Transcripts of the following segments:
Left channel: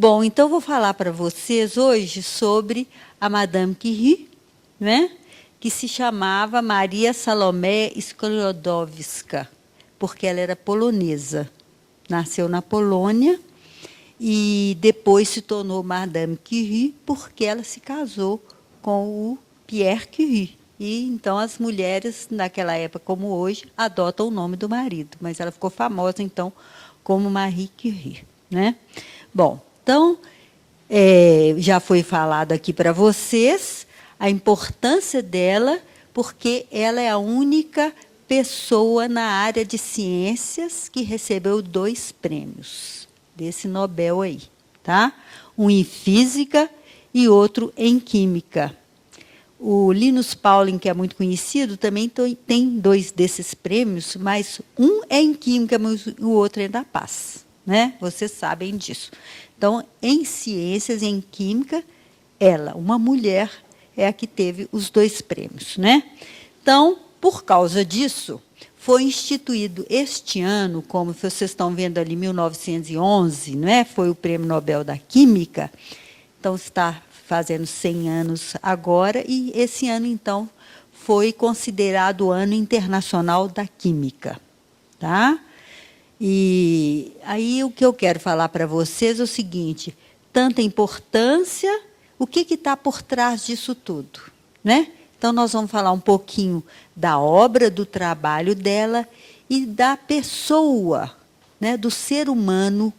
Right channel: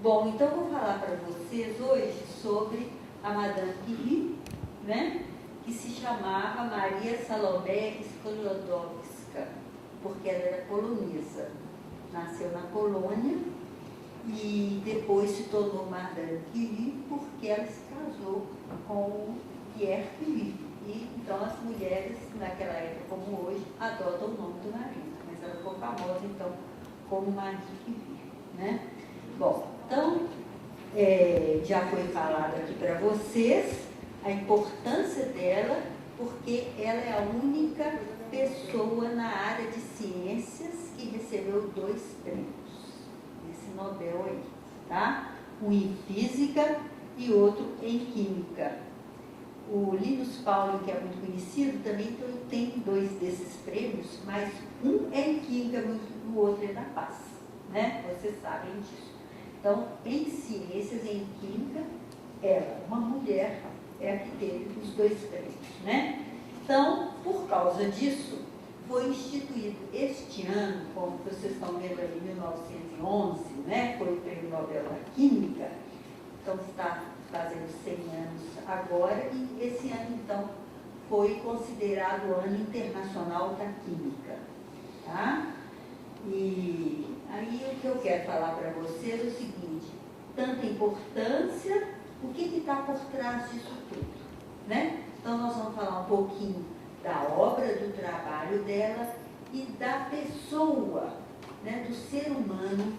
Bom, então eu vou falar para vocês hoje sobre a Madame Curie, né? Que se chamava Maria Salomé Sklodowska, porque ela era polonesa. Nasceu na Polônia e depois se tornou Madame Curie porque ela se casou com o Pierre Curie. E então as mulheres, naquela época como hoje, adotam o nome do marido, mas ela ficou famosa então como Marie Curie, né? Bom, então já foi falado aqui para vocês a importância dela, porque ela é a única pessoa na área de ciências que recebeu 2 prêmios desse Nobel aí, tá? Um em física e outro em química. O Linus Pauling, que é muito conhecido, também tem 2 desses prêmios, mas um é em química, mas o outro é da paz, né? Vocês sabem disso. Então, em ciências, em química, ela, uma mulher, é a que teve os 2 prêmios, né? Então, por causa disso, foi instituído este ano, como vocês estão vendo ali, 1911, não é? Foi o Prêmio Nobel da Química. Então, está fazendo 100 anos agora, e esse ano, então, foi considerado o Ano Internacional da Química, tá? E aí o que eu quero falar para vocês é o seguinte: tanta importância, o que está por trás disso tudo, né? Então, nós vamos falar um pouquinho da obra, do trabalho dela e da pessoa, né, do ser humano,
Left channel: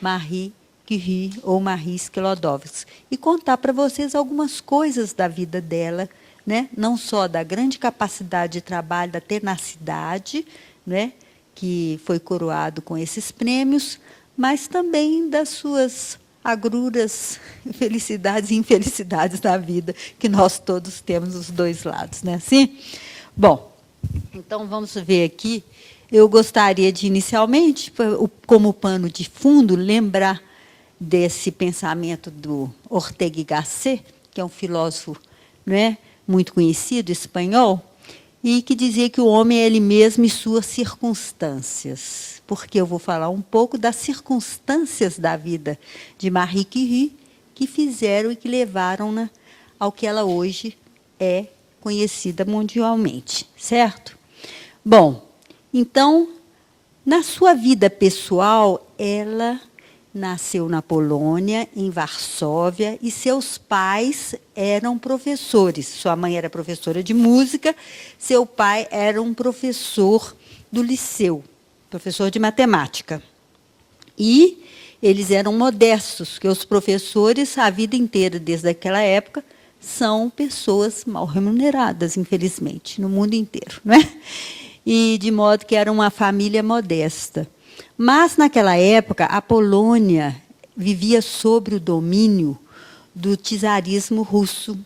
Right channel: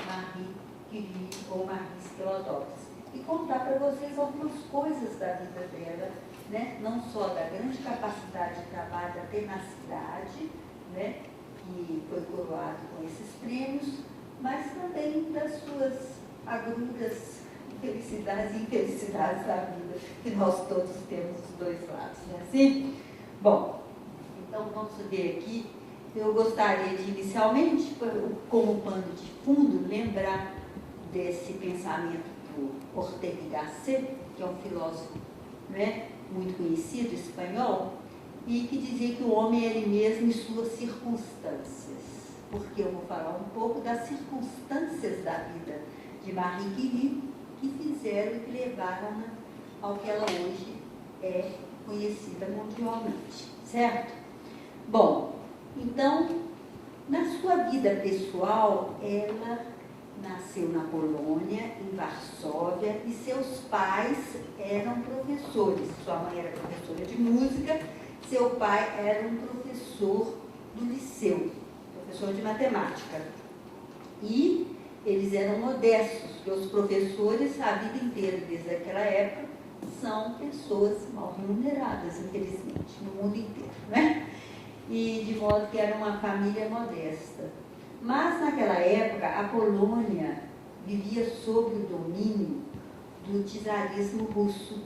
Marie Curie ou Marie Sklodowska, e contar para vocês algumas coisas da vida dela, né? Não só da grande capacidade de trabalho, da tenacidade, né, que foi coroado com esses prêmios, mas também das suas agruras, felicidades e infelicidades da vida, que nós todos temos os 2 lados, né? Assim? Bom, então vamos ver aqui. Eu gostaria de, inicialmente, como pano de fundo, lembrar desse pensamento do Ortega y Gasset, que é um filósofo, não é, muito conhecido, espanhol, e que dizia que o homem é ele mesmo e suas circunstâncias. Porque eu vou falar um pouco das circunstâncias da vida de Marie Curie, que fizeram e que levaram-na ao que ela hoje é conhecida mundialmente, certo? Bom, então, na sua vida pessoal, ela nasceu na Polônia, em Varsóvia, e seus pais eram professores. Sua mãe era professora de música, seu pai era um professor do liceu, professor de matemática. E eles eram modestos, porque os professores, a vida inteira, desde aquela época, são pessoas mal remuneradas, infelizmente, no mundo inteiro, não é? E de modo que era uma família modesta. Mas, naquela época, a Polônia vivia sob o domínio do czarismo russo.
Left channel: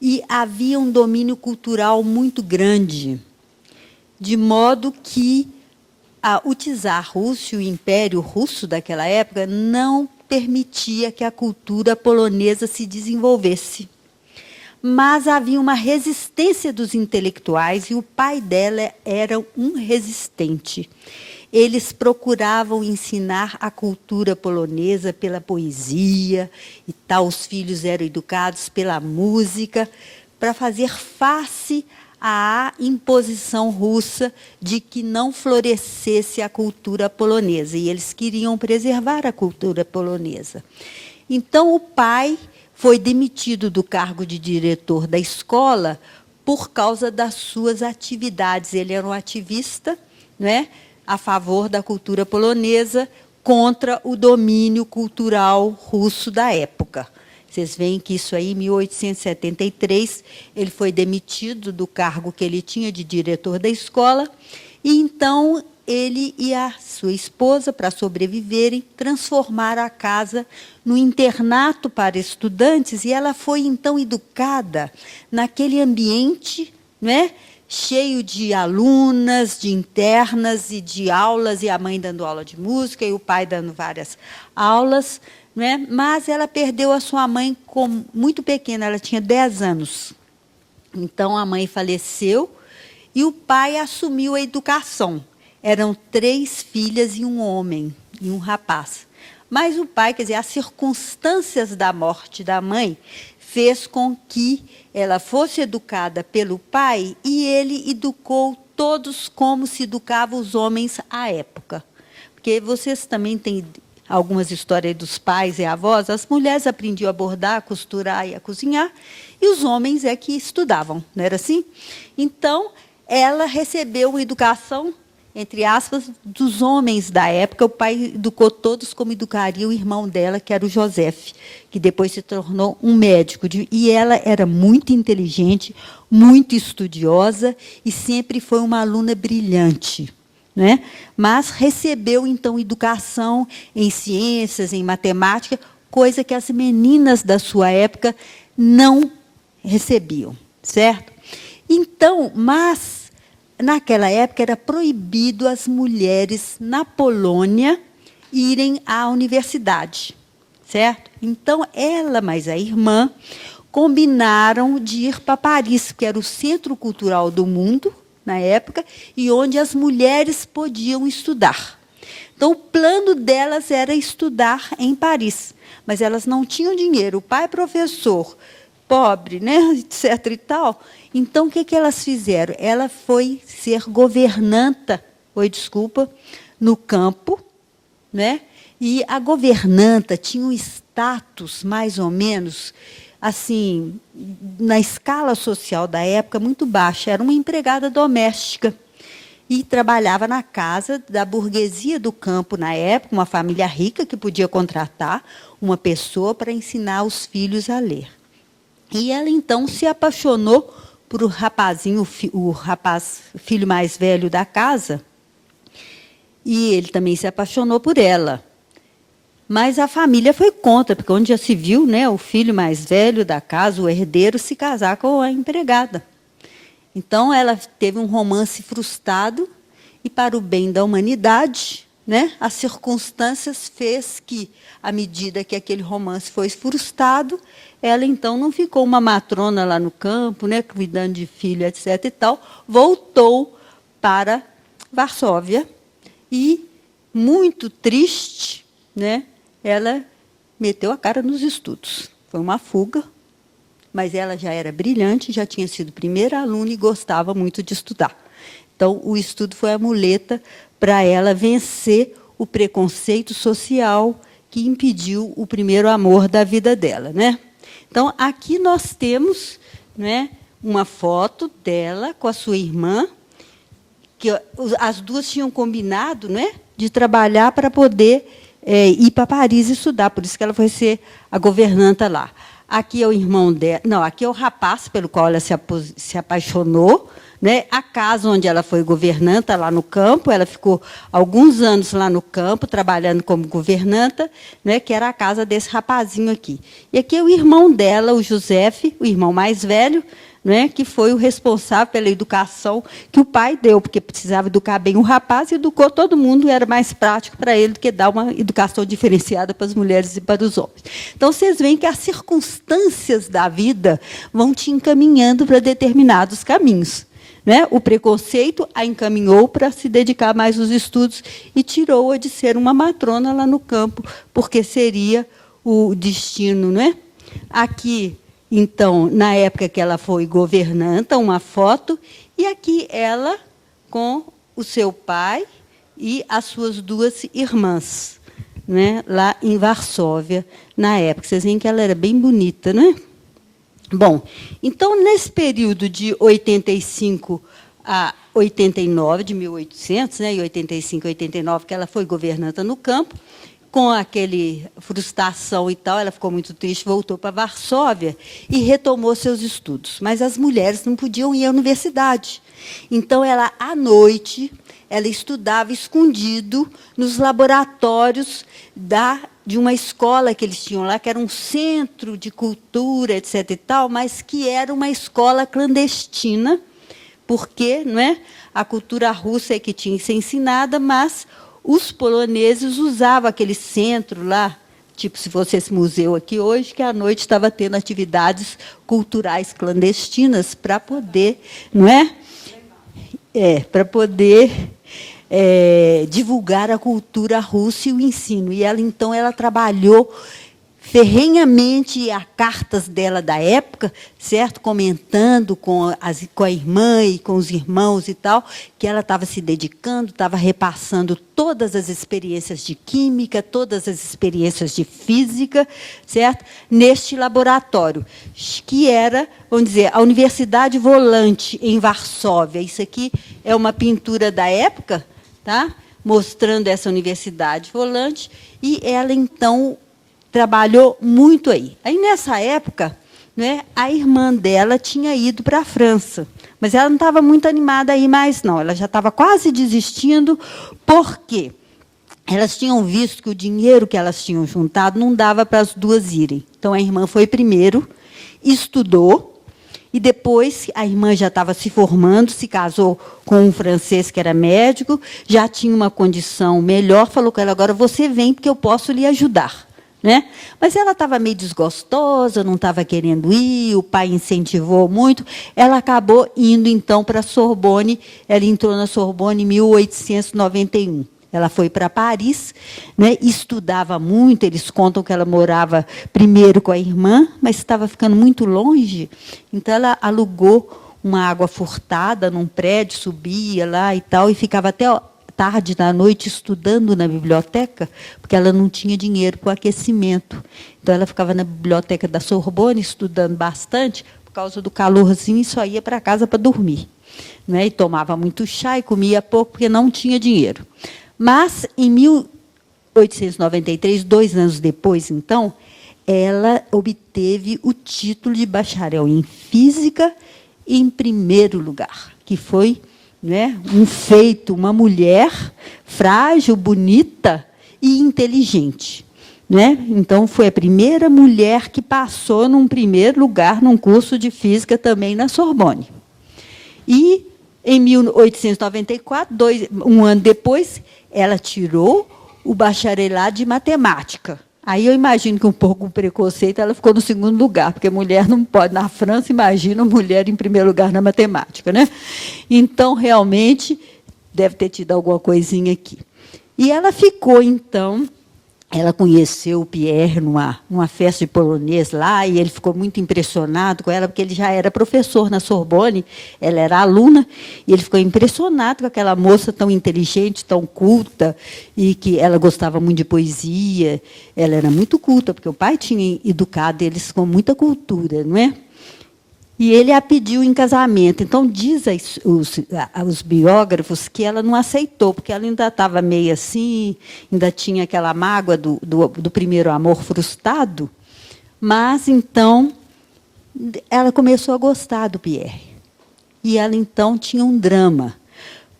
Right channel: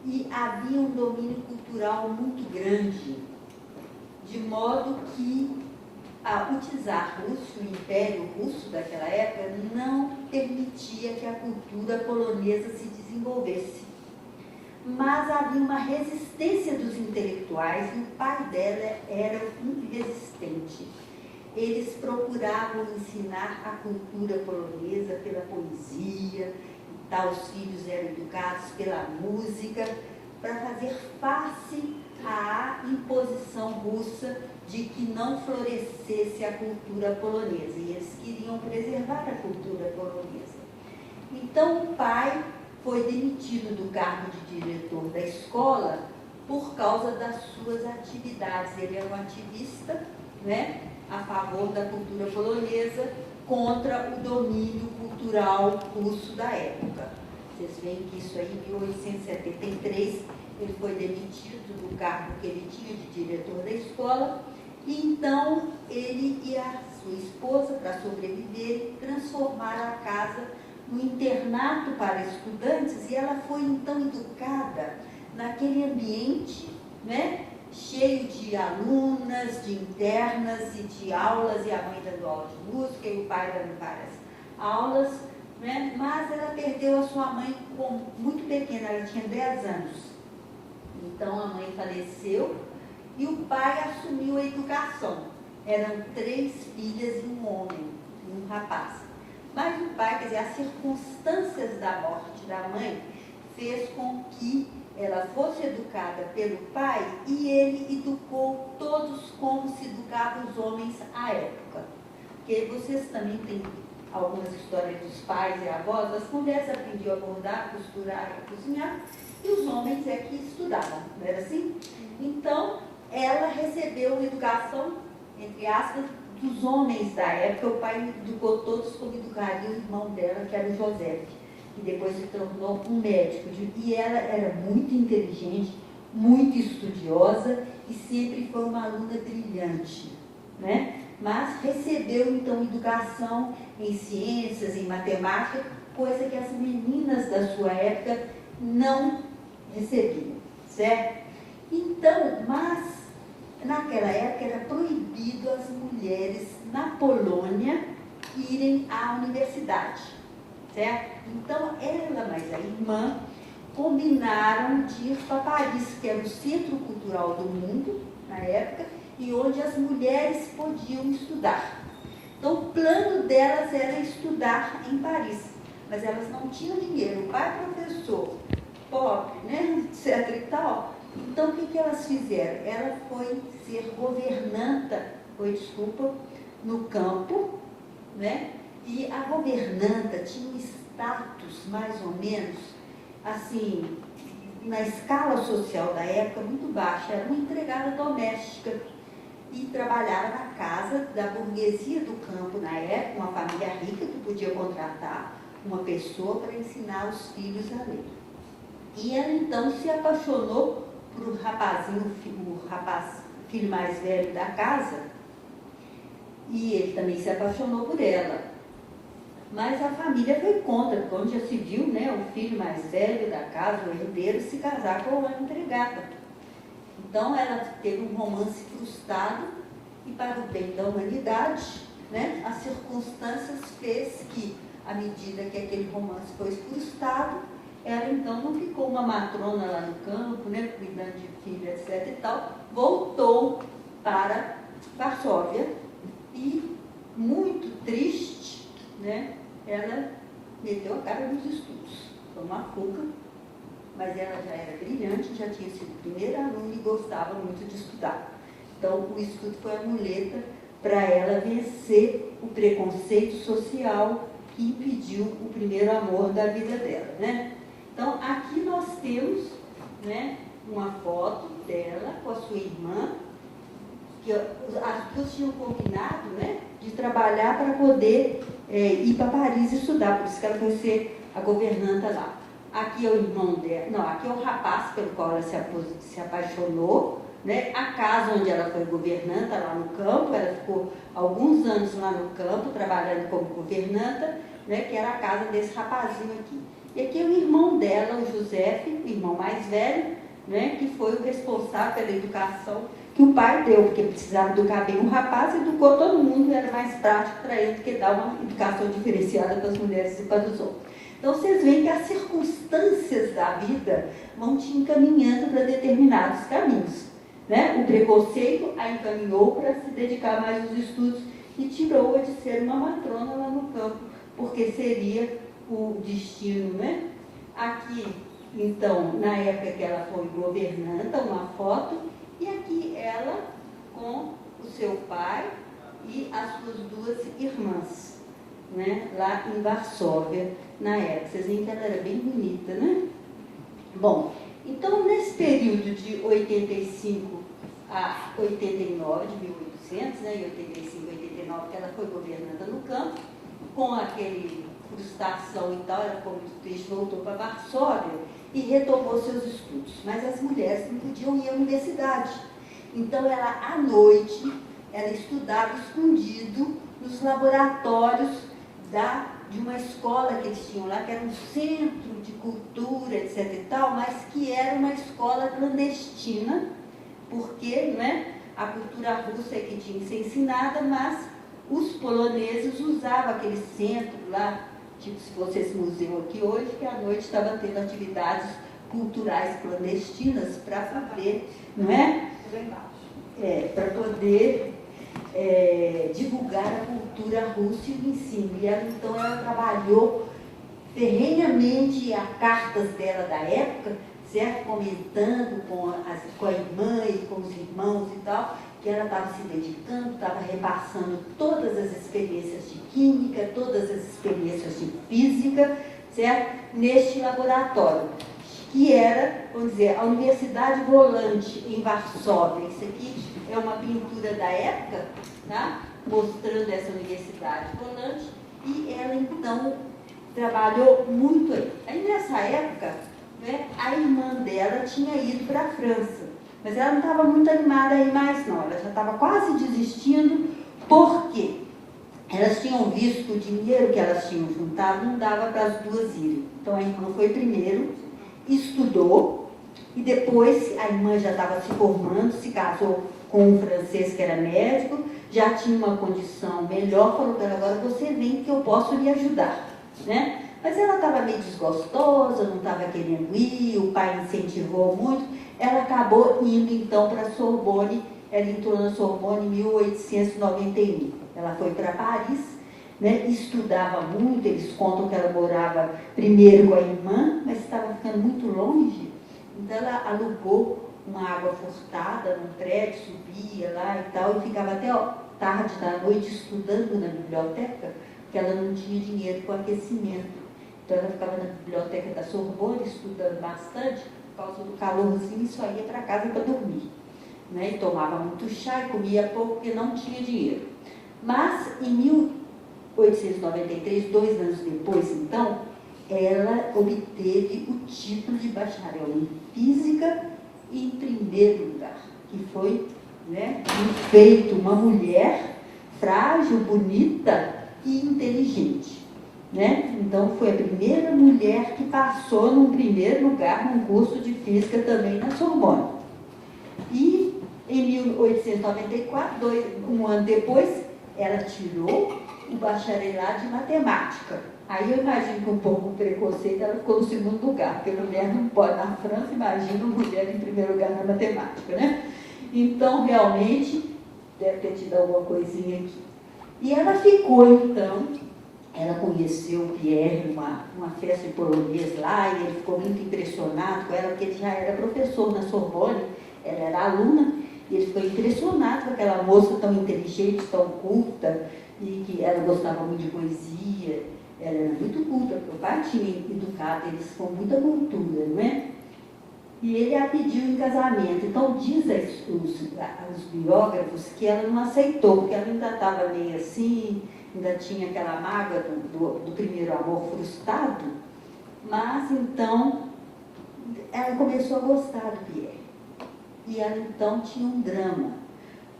E havia um domínio cultural muito grande, de modo que o czar russo, o Império Russo daquela época, não permitia que a cultura polonesa se desenvolvesse. Mas havia uma resistência dos intelectuais, e o pai dela era um resistente. Eles procuravam ensinar a cultura polonesa pela poesia e tal. Os filhos eram educados pela música, para fazer face à imposição russa de que não florescesse a cultura polonesa. E eles queriam preservar a cultura polonesa. Então, o pai foi demitido do cargo de diretor da escola por causa das suas atividades. Ele era um ativista, não é, a favor da cultura polonesa, contra o domínio cultural russo da época. Vocês veem que isso aí, em 1873, ele foi demitido do cargo que ele tinha de diretor da escola, e então ele e a sua esposa, para sobreviverem, transformaram a casa no internato para estudantes, e ela foi então educada naquele ambiente, não é, cheio de alunas, de internas e de aulas, e a mãe dando aula de música e o pai dando várias aulas, né? Mas ela perdeu a sua mãe muito pequena, ela tinha 10 anos. Então, a mãe faleceu e o pai assumiu a educação. Eram 3 filhas e um homem, e um rapaz. Mas o pai, quer dizer, as circunstâncias da morte da mãe fez com que ela fosse educada pelo pai e ele educou todos como se educavam os homens à época. Porque vocês também têm algumas histórias dos pais e avós, as mulheres aprendiam a bordar, a costurar e a cozinhar, e os homens é que estudavam, não era assim? Então, ela recebeu uma educação, entre aspas, dos homens da época. O pai educou todos como educaria o irmão dela, que era o José, que depois se tornou um médico. E ela era muito inteligente, muito estudiosa e sempre foi uma aluna brilhante, né? Mas recebeu, então, educação em ciências, em matemática, coisa que as meninas da sua época não recebiam, certo? Então, mas, naquela época, era proibido as mulheres na Polônia irem à universidade, certo? Então, ela mais a irmã combinaram de ir para Paris, que era o centro cultural do mundo, na época, e onde as mulheres podiam estudar. Então, o plano delas era estudar em Paris, mas elas não tinham dinheiro. O pai professor, pobre, né, etc. e tal. Então, o que elas fizeram? Ela foi ser governanta, no campo, né? E a governanta tinha um status, mais ou menos, assim, na escala social da época, muito baixa. Era uma empregada doméstica e trabalhava na casa da burguesia do campo na época, uma família rica que podia contratar uma pessoa para ensinar os filhos a ler. E ela, então, se apaixonou por o rapazinho, o filho mais velho da casa, e ele também se apaixonou por ela. Mas a família foi contra, porque onde já se viu, né, o filho mais velho da casa, o herdeiro, se casar com a empregada. Então, ela teve um romance frustrado, e, para o bem da humanidade, né, as circunstâncias fez que, à medida que aquele romance foi frustrado, ela, então, não ficou uma matrona lá no campo, né, cuidando de filho, etc. e tal, voltou para Varsóvia e, muito triste, né, ela meteu a cara nos estudos. Foi uma fuga, mas ela já era brilhante, já tinha sido primeira aluna e gostava muito de estudar. Então, o estudo foi a muleta para ela vencer o preconceito social que impediu o primeiro amor da vida dela, né? Então, aqui nós temos, né, uma foto dela com a sua irmã, que as duas tinham combinado, né, de trabalhar para poder ir para Paris estudar, por isso que ela foi ser a governanta lá. Aqui é o irmão dela, não, aqui é o rapaz pelo qual ela se apaixonou, né? A casa onde ela foi governanta, lá no campo, ela ficou alguns anos lá no campo, trabalhando como governanta, né? Que era a casa desse rapazinho aqui. E aqui é o irmão dela, o José, o irmão mais velho, né, que foi o responsável pela educação que o pai deu, porque precisava educar bem o rapaz, educou todo mundo, era mais prático para ele do que dar uma educação diferenciada para as mulheres e para os homens. Então, vocês veem que as circunstâncias da vida vão te encaminhando para determinados caminhos, né? O preconceito a encaminhou para se dedicar mais aos estudos e tirou-a de ser uma matrona lá no campo, porque seria o destino, né? Aqui, então, na época que ela foi governanta, uma foto, e aqui ela com o seu pai e as suas duas irmãs, né, lá em Varsóvia, na época. Vocês veem que ela era bem bonita, não é? Bom, então, nesse período de 85 a 89, de 1800, né, e 85 a 89, que ela foi governanta no campo, com aquele frustração e tal, ela ficou muito triste, voltou para Varsóvia e retomou seus estudos. Mas as mulheres não podiam ir à universidade. Então, ela, à noite, ela estudava escondido nos laboratórios de uma escola que eles tinham lá, que era um centro de cultura, etc. e tal, mas que era uma escola clandestina, porque, não é, a cultura russa é que tinha que ser ensinada, mas os poloneses usavam aquele centro lá, tipo se fosse esse museu aqui hoje, que à noite estava tendo atividades culturais clandestinas para poder, não é? Para poder divulgar a cultura russa e o ensino. E ela, então, ela trabalhou ferrenhamente as cartas dela da época, certo? Comentando com a irmã e com os irmãos e tal, que ela estava se dedicando, estava repassando todas as experiências de química, todas as experiências de física, certo? Neste laboratório, que era, vamos dizer, a Universidade Volante, em Varsóvia. Isso aqui é uma pintura da época, tá? Mostrando essa Universidade Volante, e ela, então, trabalhou muito aí. Aí, nessa época, né, a irmã dela tinha ido para a França, mas ela não estava muito animada aí mais, não. Ela já estava quase desistindo, porque elas tinham visto que o dinheiro que elas tinham juntado não dava para as duas irem. Então, a irmã foi primeiro, estudou, e depois a irmã já estava se formando, se casou com um francês que era médico, já tinha uma condição melhor, falou com ela: agora você vem, porque eu posso lhe ajudar. Né? Mas ela estava meio desgostosa, não estava querendo ir, o pai incentivou muito, ela acabou indo, então, para a Sorbonne. Ela entrou na Sorbonne em 1891. Ela foi para Paris, né? Estudava muito. Eles contam que ela morava primeiro com a irmã, mas estava ficando muito longe, então ela alugou uma água furtada num prédio, subia lá e tal, e ficava até tarde da noite estudando na biblioteca, porque ela não tinha dinheiro para o aquecimento. Então, ela ficava na biblioteca da Sorbonne estudando bastante, por causa do calorzinho, e só ia para casa para dormir. Né? E tomava muito chá e comia pouco, porque não tinha dinheiro. Mas, em 1893, 2 anos depois, então, ela obteve o título de bacharel em física em primeiro lugar, que foi, né, um feito, uma mulher frágil, bonita e inteligente. Né? Então, foi a primeira mulher que passou num primeiro lugar num curso de física também na Sorbonne. E, em 1894, um ano depois, ela tirou o bacharelado de matemática. Aí eu imagino que, um pouco com preconceito, ela ficou no segundo lugar, porque mulher não pode. Na França, imagina mulher em primeiro lugar na matemática. Né? Então, realmente, deve ter tido alguma coisinha aqui. E ela ficou, então, ela conheceu o Pierre numa festa de polonês lá, e ele ficou muito impressionado com ela, porque ele já era professor na Sorbonne, ela era aluna, e ele ficou impressionado com aquela moça tão inteligente, tão culta, e que ela gostava muito de poesia. Ela era muito culta, porque o pai tinha educado eles com muita cultura, não é? E ele a pediu em casamento. Então, diz os biógrafos que ela não aceitou, porque ela ainda estava meio assim, ainda tinha aquela mágoa do primeiro amor frustrado. Mas, então, ela começou a gostar do Pierre. E ela, então, tinha um drama,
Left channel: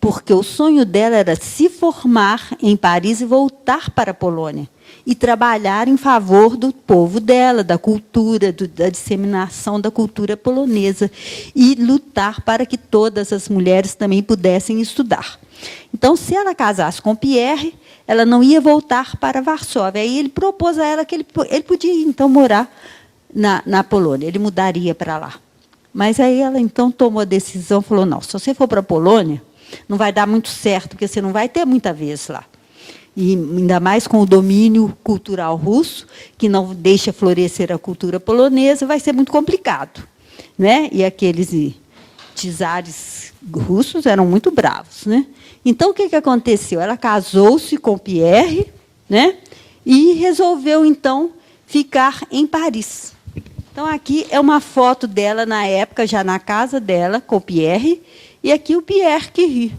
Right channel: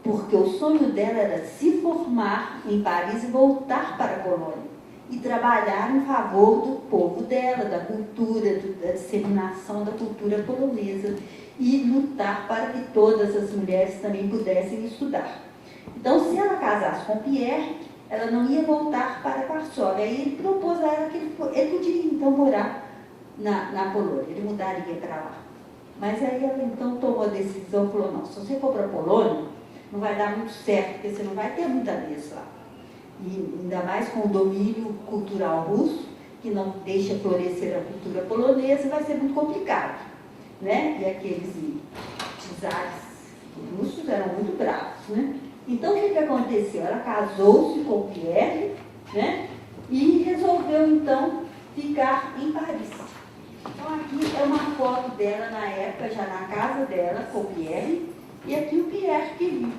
porque o sonho dela era se formar em Paris e voltar para a Polônia, e trabalhar em favor do povo dela, da cultura, da disseminação da cultura polonesa, e lutar para que todas as mulheres também pudessem estudar. Então, se ela casasse com Pierre, ela não ia voltar para Varsóvia. Aí ele propôs a ela que ele podia, então, morar na Polônia, ele mudaria para lá. Mas aí ela, então, tomou a decisão, falou: não, se você for para a Polônia, não vai dar muito certo, porque você não vai ter muita vez lá. E ainda mais com o domínio cultural russo, que não deixa florescer a cultura polonesa, vai ser muito complicado. Né? E aqueles czares russos eram muito bravos. Né? Então, o que aconteceu? Ela casou-se com Pierre, né? E resolveu, então, ficar em Paris. Então, aqui é uma foto dela, na época, já na casa dela, com Pierre, e aqui o Pierre Curie.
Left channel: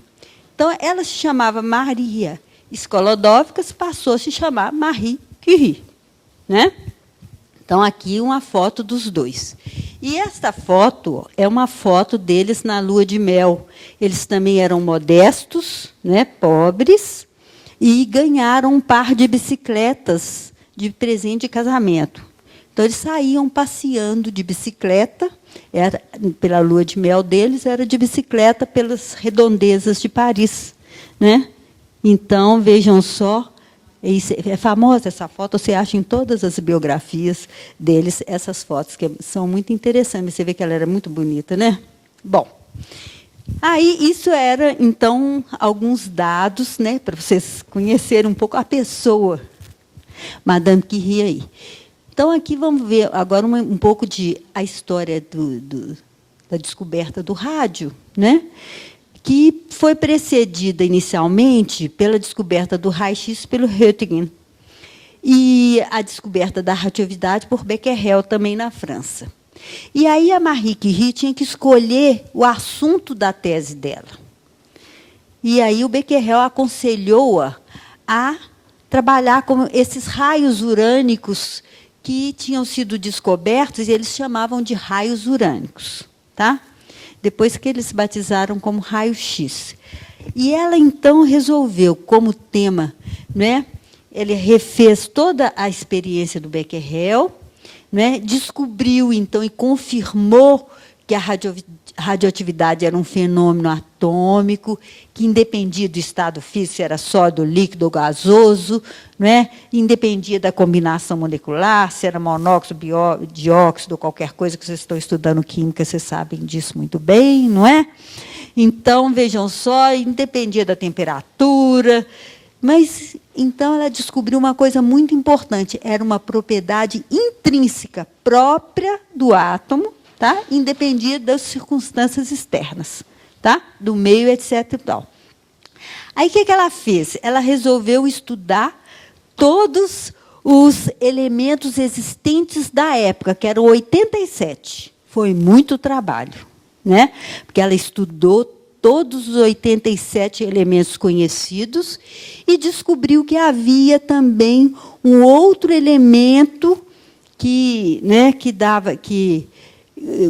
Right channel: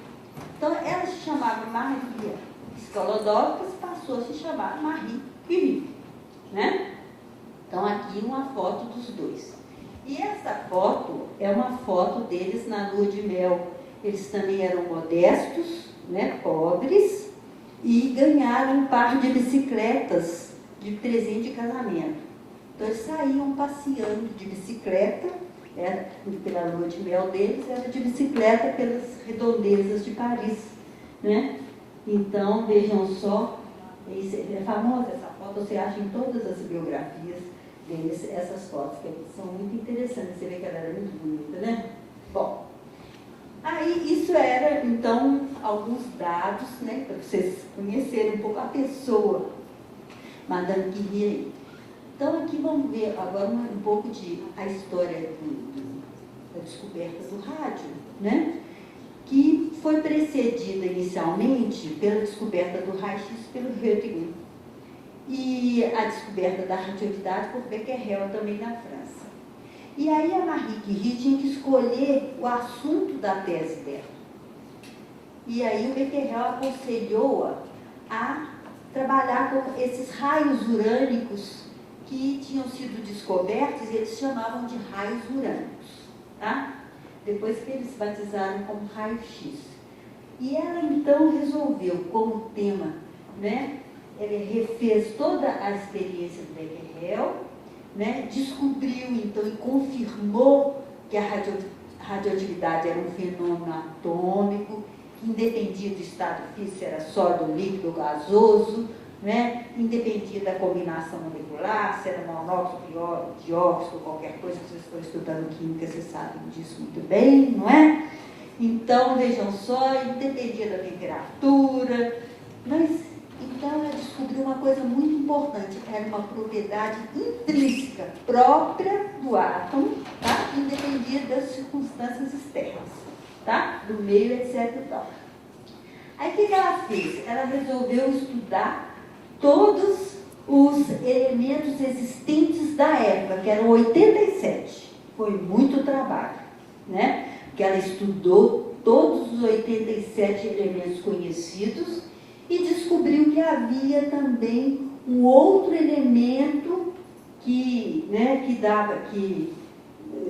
Então, ela se chamava Maria Skolodowska, passou a se chamar Marie Curie. Né? Então, aqui uma foto dos dois. E esta foto é uma foto deles na lua de mel. Eles também eram modestos, né, pobres, e ganharam um par de bicicletas de presente de casamento. Então, eles saíam passeando de bicicleta, pela lua de mel deles, era de bicicleta pelas redondezas de Paris. Né? Então, vejam só, é famosa essa foto, você acha em todas as biografias deles essas fotos, que são muito interessantes. Você vê que ela era muito bonita, né? Bom, Aí, isso era, então, alguns dados, né, para vocês conhecerem um pouco a pessoa, Madame Curie aí. Então, aqui vamos ver agora um pouco de a história da descoberta do rádio, né, que foi precedida inicialmente pela descoberta do raio-x pelo Röntgen e a descoberta da radioatividade por Becquerel, também na França. E aí a Marie Curie tinha que escolher o assunto da tese dela. E aí o Becquerel aconselhou-a a trabalhar com esses raios urânicos que tinham sido descobertos, e eles chamavam de raios urânicos, tá? Depois que eles batizaram como raio-x. E ela, então, resolveu, como tema, né? Ele refez toda a experiência do Becquerel, né? Descobriu, então, e confirmou que a radioatividade era um fenômeno atômico, que independia do estado físico, se era sólido, líquido ou gasoso, né? Independia da combinação molecular, se era monóxido, dióxido, qualquer coisa que vocês estão estudando química, vocês sabem disso muito bem, não é? Então, vejam só, independia da temperatura, mas, então, ela descobriu uma coisa muito importante, era uma propriedade intrínseca, própria do átomo, tá? Independia das circunstâncias externas, tá? Do meio, etc. E tal. Aí, o que ela fez? Ela resolveu estudar todos os elementos existentes da época, que eram 87. Foi muito trabalho, né? Porque ela estudou todos os 87 elementos conhecidos e descobriu que havia também um outro elemento que, né,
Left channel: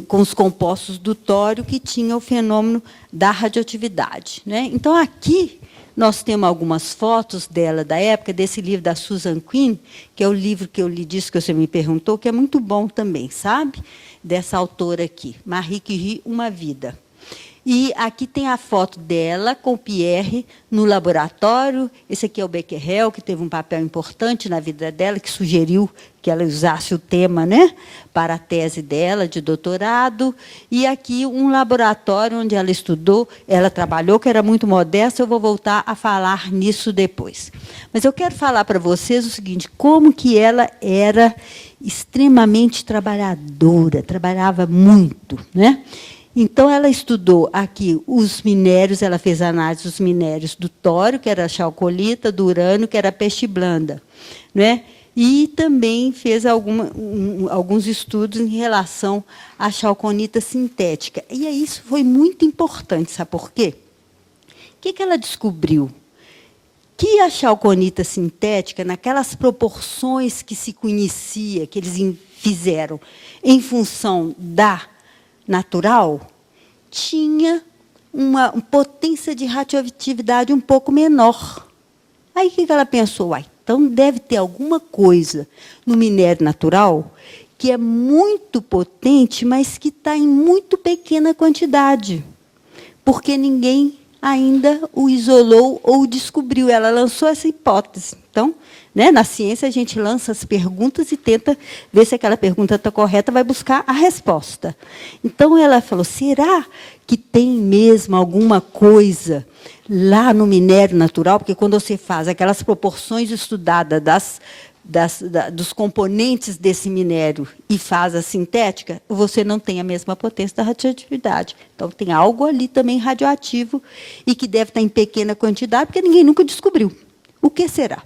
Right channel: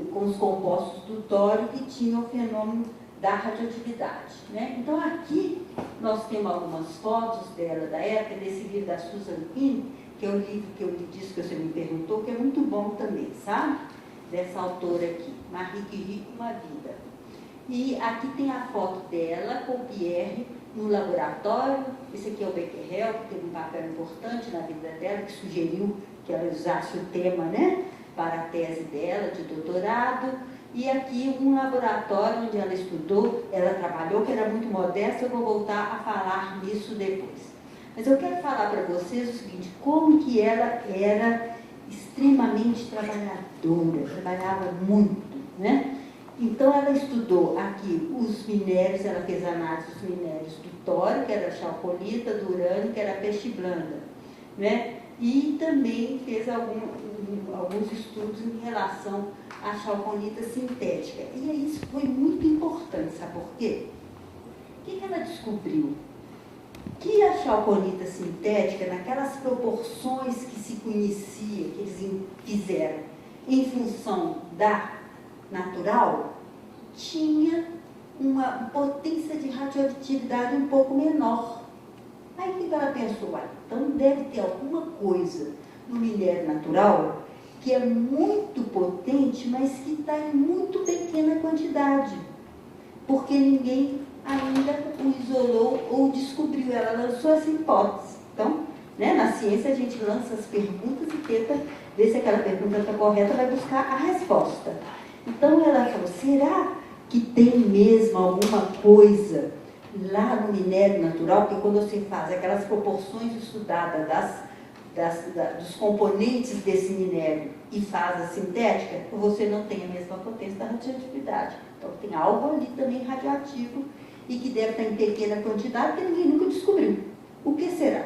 com os compostos do tório, que tinha o fenômeno da radioatividade, né? Então, aqui nós temos algumas fotos dela, da época, desse livro da Susan Quinn, que é o livro que eu lhe disse, que você me perguntou, que é muito bom também, sabe? Dessa autora aqui, Marie Curie, Uma Vida. E aqui tem a foto dela com o Pierre no laboratório. Esse aqui é o Becquerel, que teve um papel importante na vida dela, que sugeriu que ela usasse o tema, né, para a tese dela de doutorado. E aqui um laboratório onde ela estudou, ela trabalhou, que era muito modesta. Eu vou voltar a falar nisso depois. Mas eu quero falar para vocês o seguinte, como que ela era extremamente trabalhadora, trabalhava muito, né? Então, ela estudou aqui os minérios, ela fez análise dos minérios do tório, que era a chalcolita, do urânio, que era a peste blanda, né? E também fez alguns estudos em relação à chalconita sintética. E isso foi muito importante, sabe por quê? O que ela descobriu? Que a chalconita sintética, naquelas proporções que se conhecia, que eles fizeram em função da natural, tinha uma potência de radioatividade um pouco menor. Aí, o que ela pensou? Então, deve ter alguma coisa no minério natural que é muito potente, mas que está em muito pequena quantidade, porque ninguém ainda o isolou ou o descobriu. Ela lançou essa hipótese. Então, né, na ciência, a gente lança as perguntas e tenta ver se aquela pergunta está correta, vai buscar a resposta. Então, ela falou, será que tem mesmo alguma coisa lá no minério natural? Porque, quando você faz aquelas proporções estudadas dos componentes desse minério e faz a sintética, você não tem a mesma potência da radioatividade. Então, tem algo ali também radioativo e que deve estar em pequena quantidade, porque ninguém nunca descobriu. O que será?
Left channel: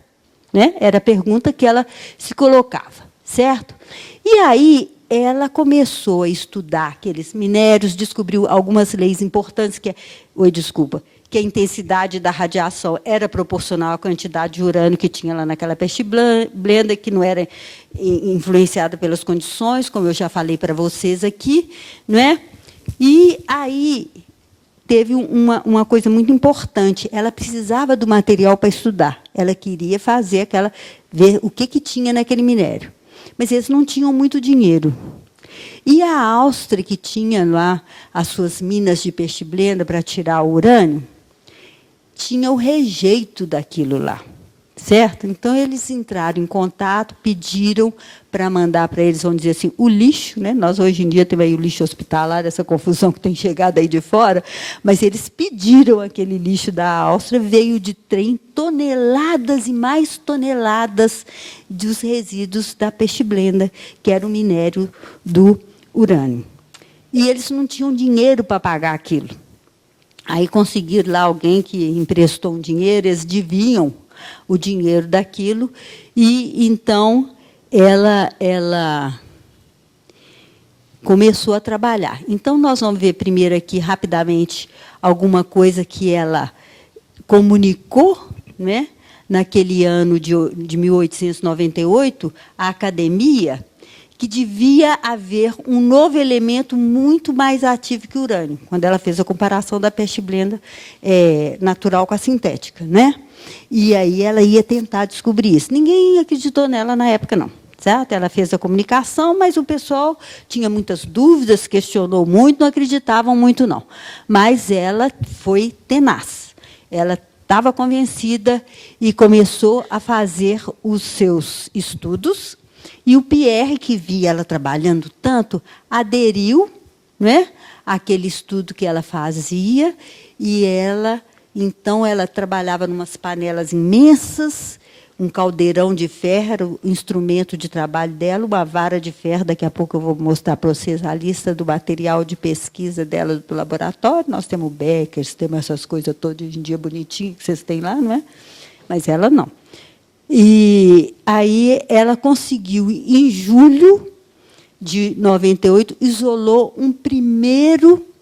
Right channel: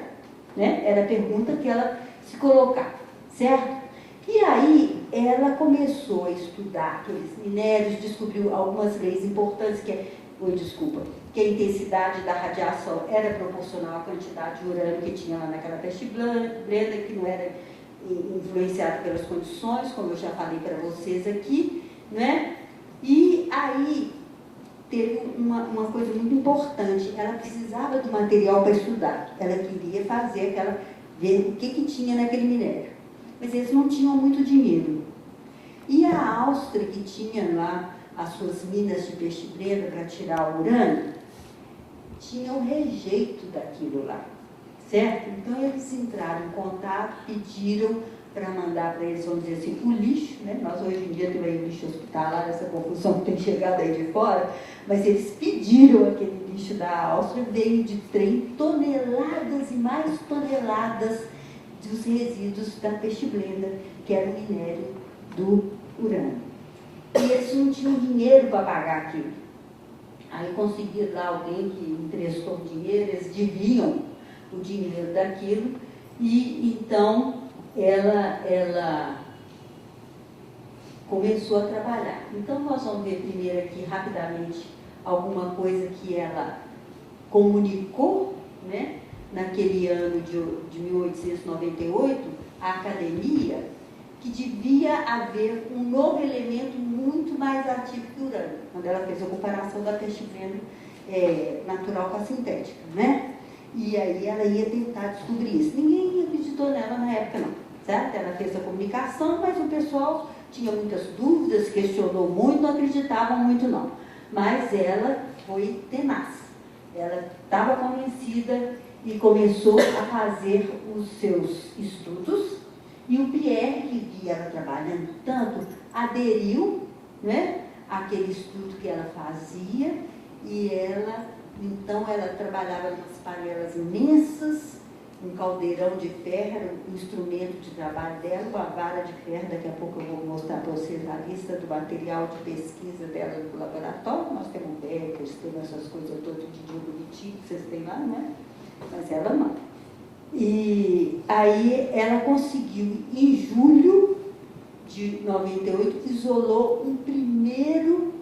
Né? Era a pergunta que ela se colocava, certo? E aí ela começou a estudar aqueles minérios, descobriu algumas leis importantes, que a intensidade da radiação era proporcional à quantidade de urânio que tinha lá naquela peste blanda, que não era influenciada pelas condições, como eu já falei para vocês aqui, não é? E aí teve uma coisa muito importante, ela precisava do material para estudar, ela queria ver o que tinha naquele minério, mas eles não tinham muito dinheiro. E a Áustria, que tinha lá as suas minas de peste blenda para tirar o urânio, tinha o rejeito daquilo lá, certo? Então, eles entraram em contato, pediram para mandar para eles, vamos dizer assim, o lixo, né? Nós, hoje em dia, temos aí o lixo hospitalar, essa confusão que tem chegado aí de fora, mas eles pediram aquele lixo da Áustria, veio de trem, toneladas e mais toneladas dos resíduos da pechblenda, que era o minério do urânio. E eles não tinham dinheiro para pagar aquilo. Aí conseguiram lá alguém que emprestou um dinheiro, eles deviam o dinheiro daquilo, e então ela começou a trabalhar. Então, nós vamos ver primeiro aqui, rapidamente, alguma coisa que ela comunicou, né, naquele ano de 1898, à academia, que devia haver um novo elemento muito mais ativo que o urânio, quando ela fez a comparação da pechblenda natural com a sintética, né? E aí ela ia tentar descobrir isso. Ninguém acreditou nela na época, não. Certo? Ela fez a comunicação, mas o pessoal tinha muitas dúvidas, questionou muito, não acreditavam muito, não. Mas ela foi tenaz. Ela estava convencida e começou a fazer os seus estudos. E o Pierre, que via ela trabalhando tanto, aderiu, né, àquele estudo que ela fazia, e ela, então, ela trabalhava em umas panelas imensas, um caldeirão de ferro, era o instrumento de trabalho dela, uma vara de ferro, daqui a pouco eu vou mostrar para vocês a lista do material de pesquisa dela do laboratório. Nós temos Beckers, temos essas coisas todas hoje em dia bonitinhas que vocês têm lá, não é? Mas ela não. E aí ela conseguiu, em julho de 98, isolou um primeiro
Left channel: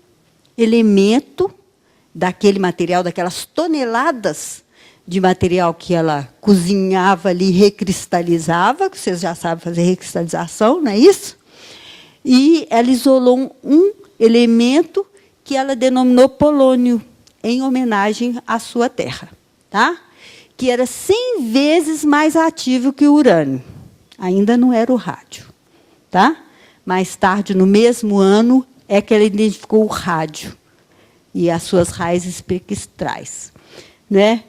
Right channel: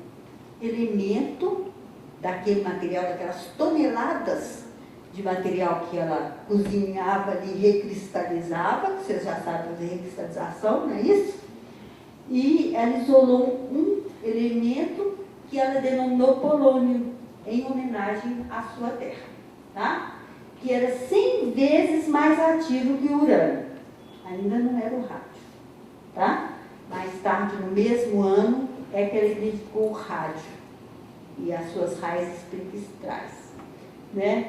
elemento daquele material, daquelas toneladas de material que ela cozinhava ali, recristalizava, que vocês já sabem fazer recristalização, não é isso? E ela isolou um elemento que ela denominou polônio, em homenagem à sua terra, tá? Que era 100 vezes mais ativo que o urânio. Ainda não era o rádio, tá? Mais tarde, no mesmo ano, é que ela identificou o rádio e as suas raízes espectrais, né?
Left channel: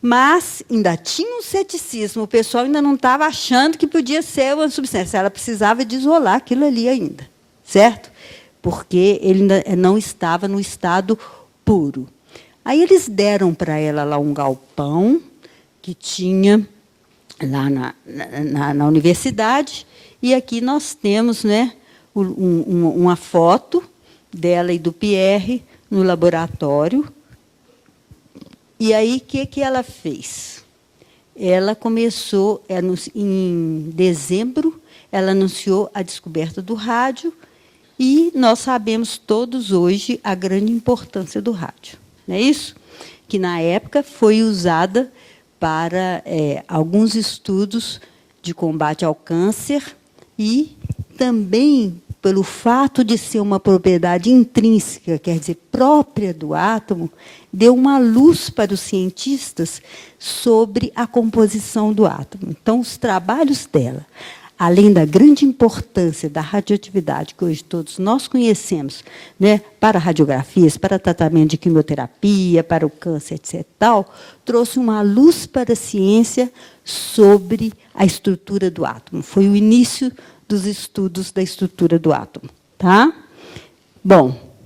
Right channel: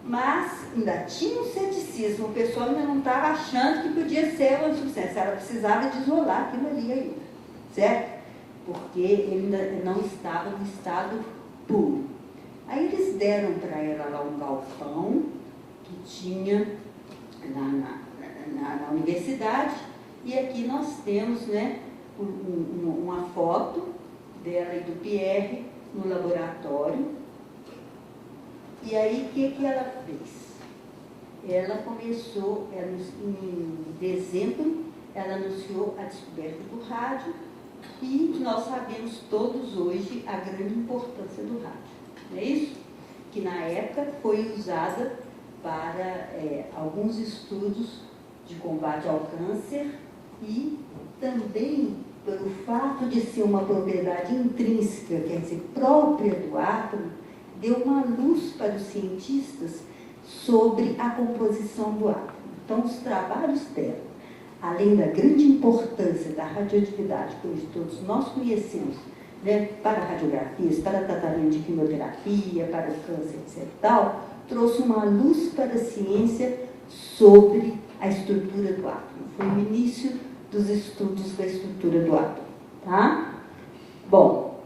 Mas ainda tinha um ceticismo, o pessoal ainda não estava achando que podia ser uma substância, ela precisava de isolar aquilo ali ainda, certo? Porque ele ainda não estava no estado puro. Aí eles deram para ela lá um galpão que tinha lá na universidade, e aqui nós temos, né, uma foto dela e do Pierre no laboratório. E aí, o que ela fez? Ela começou, em dezembro, ela anunciou a descoberta do rádio, e nós sabemos todos hoje a grande importância do rádio. Não é isso? Que, na época, foi usada para alguns estudos de combate ao câncer e também pelo fato de ser uma propriedade intrínseca, quer dizer, própria do átomo, deu uma luz para os cientistas sobre a composição do átomo. Então, os trabalhos dela, além da grande importância da radioatividade, que hoje todos nós conhecemos, né, para radiografias, para tratamento de quimioterapia, para o câncer, etc., tal, trouxe uma luz para a ciência sobre a estrutura do átomo. Foi o início dos estudos da estrutura do átomo. Tá? Bom,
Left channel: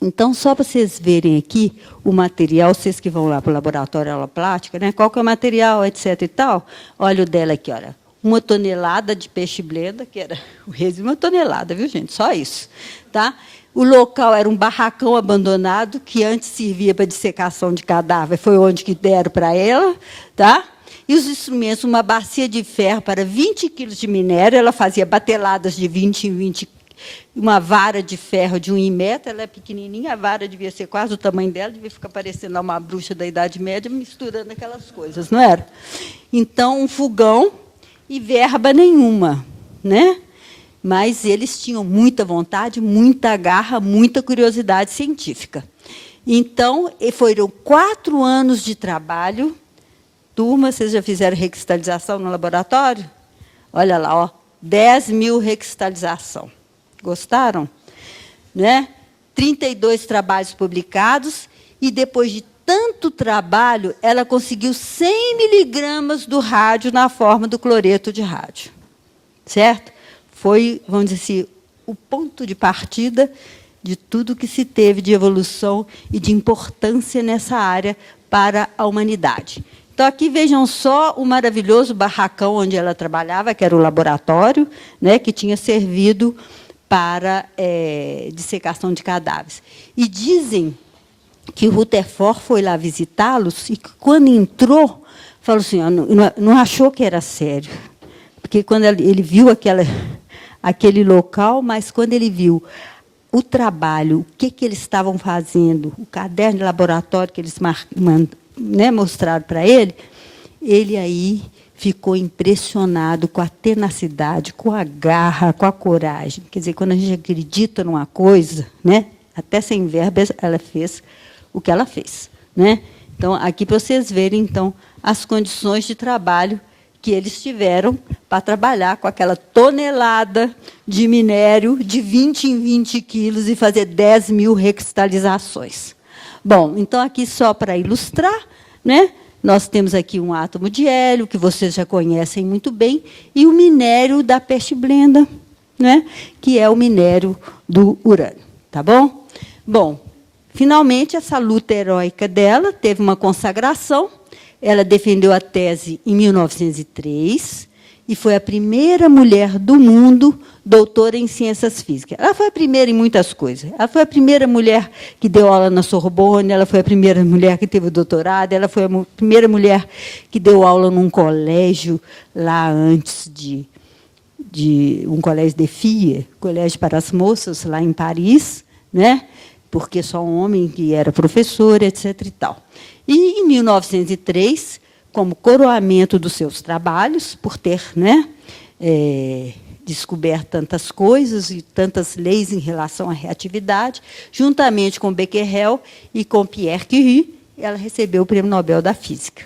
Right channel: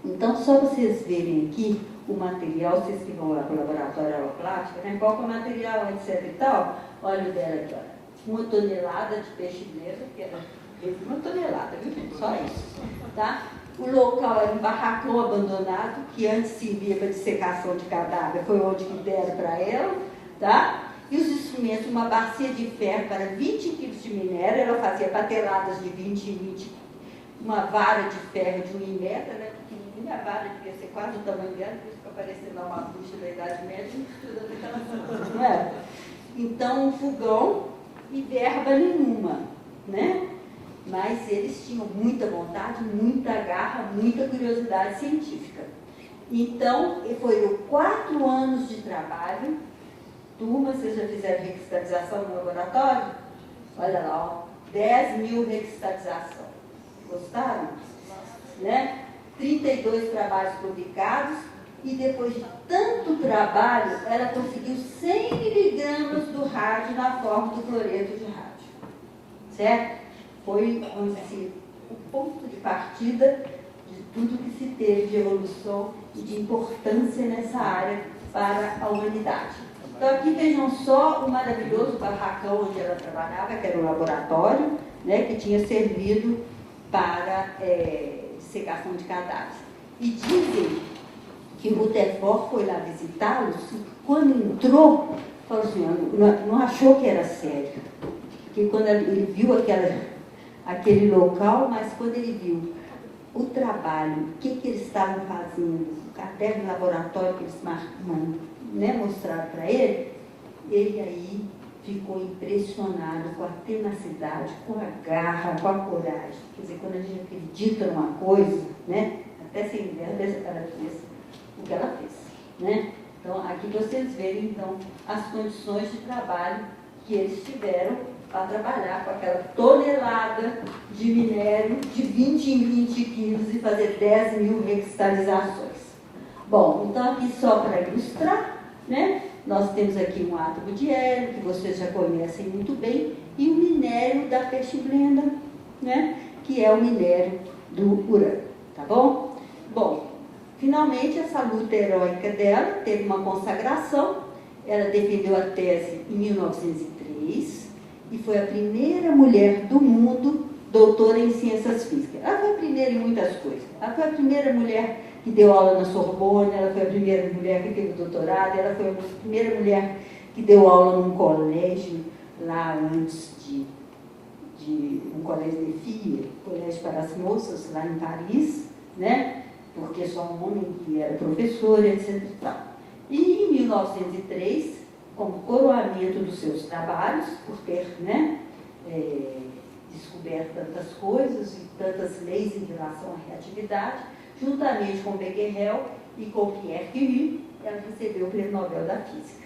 então, só para vocês verem aqui o material, vocês que vão lá para o laboratório aula prática, né, qual que é o material, etc. e tal, olha o dela aqui, olha. 1 tonelada de pechblenda, que era o resíduo, 1 tonelada, viu, gente? Só isso. Tá? O local era um barracão abandonado, que antes servia para dissecação de cadáver, foi onde que deram para ela. Tá? E os instrumentos, uma bacia de ferro para 20 quilos de minério, ela fazia bateladas de 20 em 20, uma vara de ferro de 1,5 metro, ela é pequenininha, a vara devia ser quase o tamanho dela, devia ficar parecendo uma bruxa da Idade Média, misturando aquelas coisas, não era? Então, um fogão, e verba nenhuma, né? Mas eles tinham muita vontade, muita garra, muita curiosidade científica. Então, foram 4 anos de trabalho. Turma, vocês já fizeram recristalização no laboratório? Olha lá, ó, 10 mil recristalização. Gostaram? Né? 32 trabalhos publicados, e depois de tanto trabalho, ela conseguiu 100 miligramas do rádio na forma do cloreto de rádio. Certo? Foi, vamos dizer assim, o ponto de partida de tudo que se teve de evolução e de importância nessa área para a humanidade. Então, aqui vejam só o maravilhoso barracão onde ela trabalhava, que era o laboratório, né, que tinha servido para dissecação de cadáveres. E dizem que o Rutherford foi lá visitá-los e, quando entrou, falou assim, não achou que era sério. Porque, quando ele viu aquele local, mas, quando ele viu o trabalho, o que eles estavam fazendo, o caderno de laboratório que eles mostraram para ele, ele aí ficou impressionado com a tenacidade, com a garra, com a coragem. Quer dizer, quando a gente acredita numa coisa, né, até sem verba, ela fez o que ela fez. Né? Então, aqui para vocês verem, então, as condições de trabalho que eles tiveram para trabalhar com aquela tonelada de minério de 20 em 20 quilos e fazer 10 mil recristalizações. Bom, então, aqui só para ilustrar, né, nós temos aqui um átomo de hélio, que vocês já conhecem muito bem, e o minério da peste-blenda, né, que é o minério do urânio. Tá bom? Bom, finalmente, essa luta heróica dela teve uma consagração. Ela defendeu a tese em 1903 e foi a primeira mulher do mundo doutora em ciências físicas. Ela foi a primeira em muitas coisas. Ela foi a primeira mulher que deu aula na Sorbonne, ela foi a primeira mulher que teve doutorado, ela foi a primeira mulher que deu aula num colégio lá antes de um colégio de filles, colégio para as moças, lá em Paris, né? Porque só um homem que era professor, etc. e tal. E, em 1903, como coroamento dos seus trabalhos, por ter, né, descoberto tantas coisas e tantas leis em relação à reatividade, juntamente com Becquerel e com Pierre Curie, ela recebeu o Prêmio Nobel da Física.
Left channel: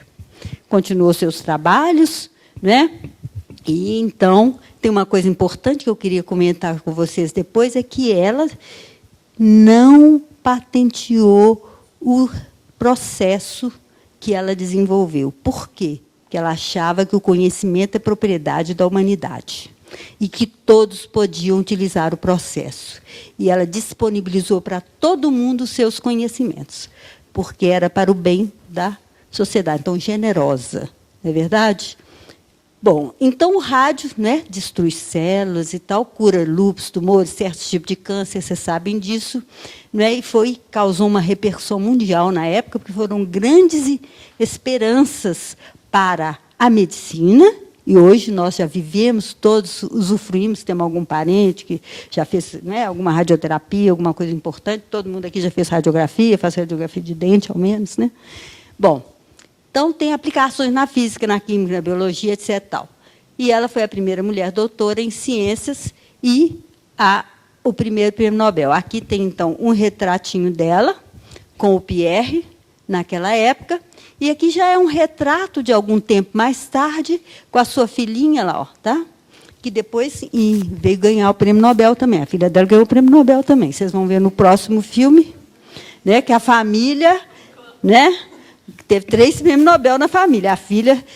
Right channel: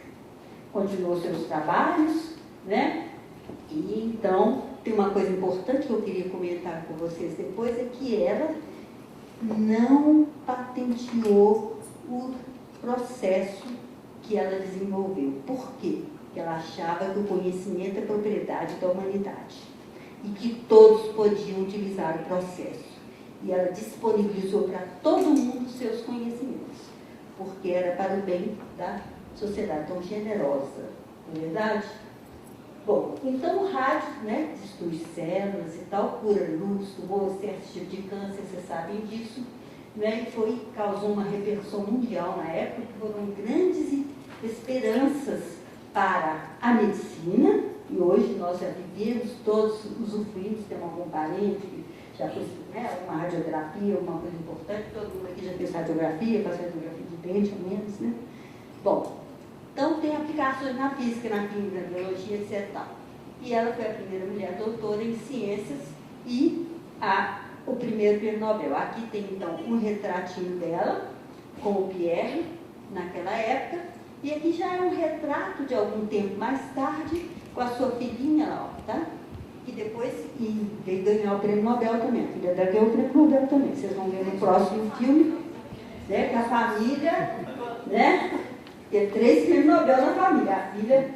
Continuou seus trabalhos, né? E, então, tem uma coisa importante que eu queria comentar com vocês depois, é que ela não patenteou o processo que ela desenvolveu. Por quê? Porque ela achava que o conhecimento é propriedade da humanidade e que todos podiam utilizar o processo. E ela disponibilizou para todo mundo os seus conhecimentos, porque era para o bem da sociedade. Então, generosa, não é verdade? Bom, então o rádio, né, destrui células e tal, cura lúpus, tumores, certos tipos de câncer, vocês sabem disso, né, e causou uma repercussão mundial na época, porque foram grandes esperanças para a medicina, e hoje nós já vivemos, todos usufruímos, temos algum parente que já fez, né, alguma radioterapia, alguma coisa importante, todo mundo aqui já fez radiografia, faz radiografia de dente, ao menos, né? Bom, então, tem aplicações na física, na química, na biologia, etc. Tal. E ela foi a primeira mulher doutora em ciências e o primeiro prêmio Nobel. Aqui tem, então, um retratinho dela, com o Pierre, naquela época, e aqui já é um retrato de algum tempo mais tarde, com a sua filhinha lá, ó, tá? Que depois veio ganhar o prêmio Nobel também. A filha dela ganhou o prêmio Nobel também. Vocês vão ver no próximo filme, né, que a família, né, teve 3 prêmios Nobel na família. A filha,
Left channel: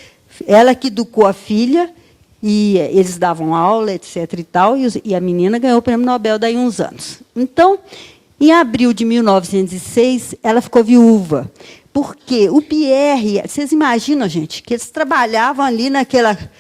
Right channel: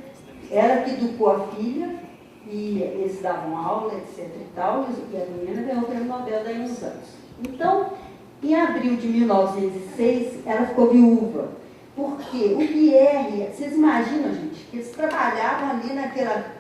ela que educou a filha, e eles davam aula, etc. e tal, e a menina ganhou o prêmio Nobel daí uns anos. Então, em abril de 1906, ela ficou viúva. Porque o Pierre, vocês imaginam, gente, que eles trabalhavam ali naquela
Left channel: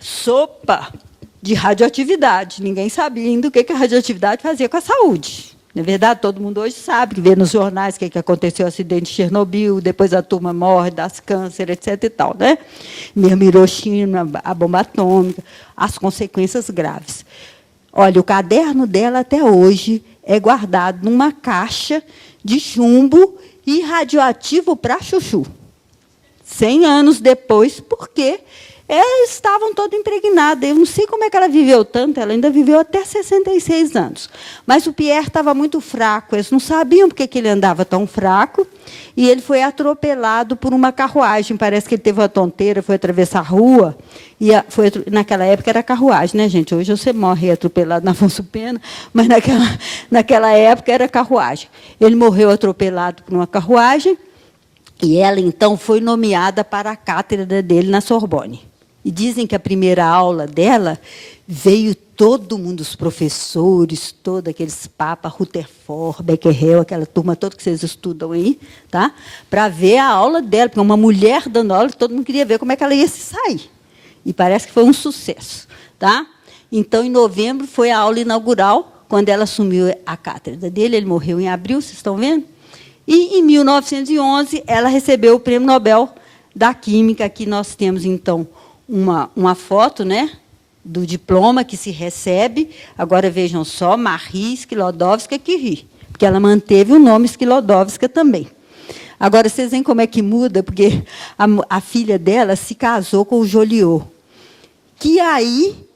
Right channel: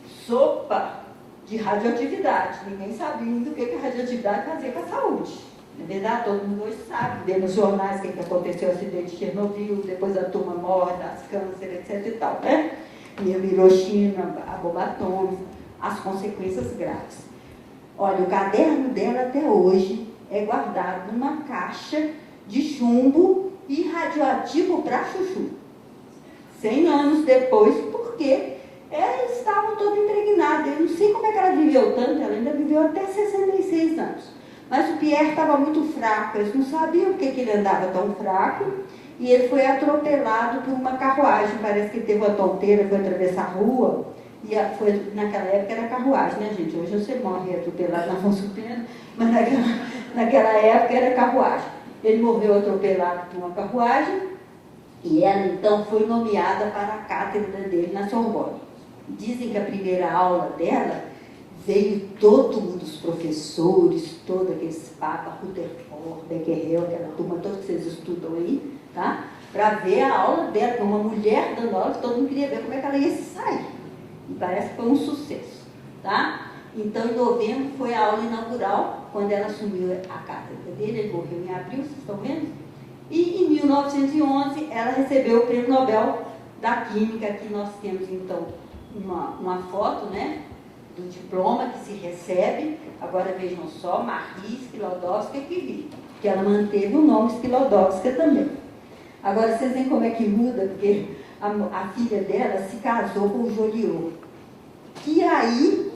sopa de radioatividade. Ninguém sabia ainda o que a radioatividade fazia com a saúde. Na verdade, todo mundo hoje sabe, que vê nos jornais o que aconteceu, o acidente de Chernobyl, depois a turma morre, das câncer, etc. e tal, né? Mesmo Hiroshima, a bomba atômica, as consequências graves. Olha, o caderno dela, até hoje, é guardado numa caixa de chumbo e radioativo para chuchu. 100 anos depois, porque elas estavam todas impregnadas. Eu não sei como é que ela viveu tanto, ela ainda viveu até 66 anos. Mas o Pierre estava muito fraco, eles não sabiam porque que ele andava tão fraco, e ele foi atropelado por uma carruagem. Parece que ele teve uma tonteira, foi atravessar a rua, e naquela época era carruagem, né, gente? Hoje você morre atropelado na Afonso Pena, mas naquela época era carruagem. Ele morreu atropelado por uma carruagem, E ela, então, foi nomeada para a cátedra dele na Sorbonne. E dizem que a primeira aula dela veio todo mundo, os professores, todos aqueles papas, Rutherford, Becquerel, aquela turma toda que vocês estudam aí, tá? Para ver a aula dela, porque uma mulher dando aula, todo mundo queria ver como é que ela ia se sair. E parece que foi um sucesso, tá? Então, em novembro, foi a aula inaugural, quando ela assumiu a cátedra dele. Ele morreu em abril, vocês estão vendo? E, em 1911, ela recebeu o Prêmio Nobel da Química. Aqui nós temos, então, uma foto, né, do diploma que se recebe. Agora, vejam só, Marie Skłodowska-Curie, porque ela manteve o nome Skłodowska também. Agora, vocês veem como é que muda, porque a filha dela se casou com o Joliot, que aí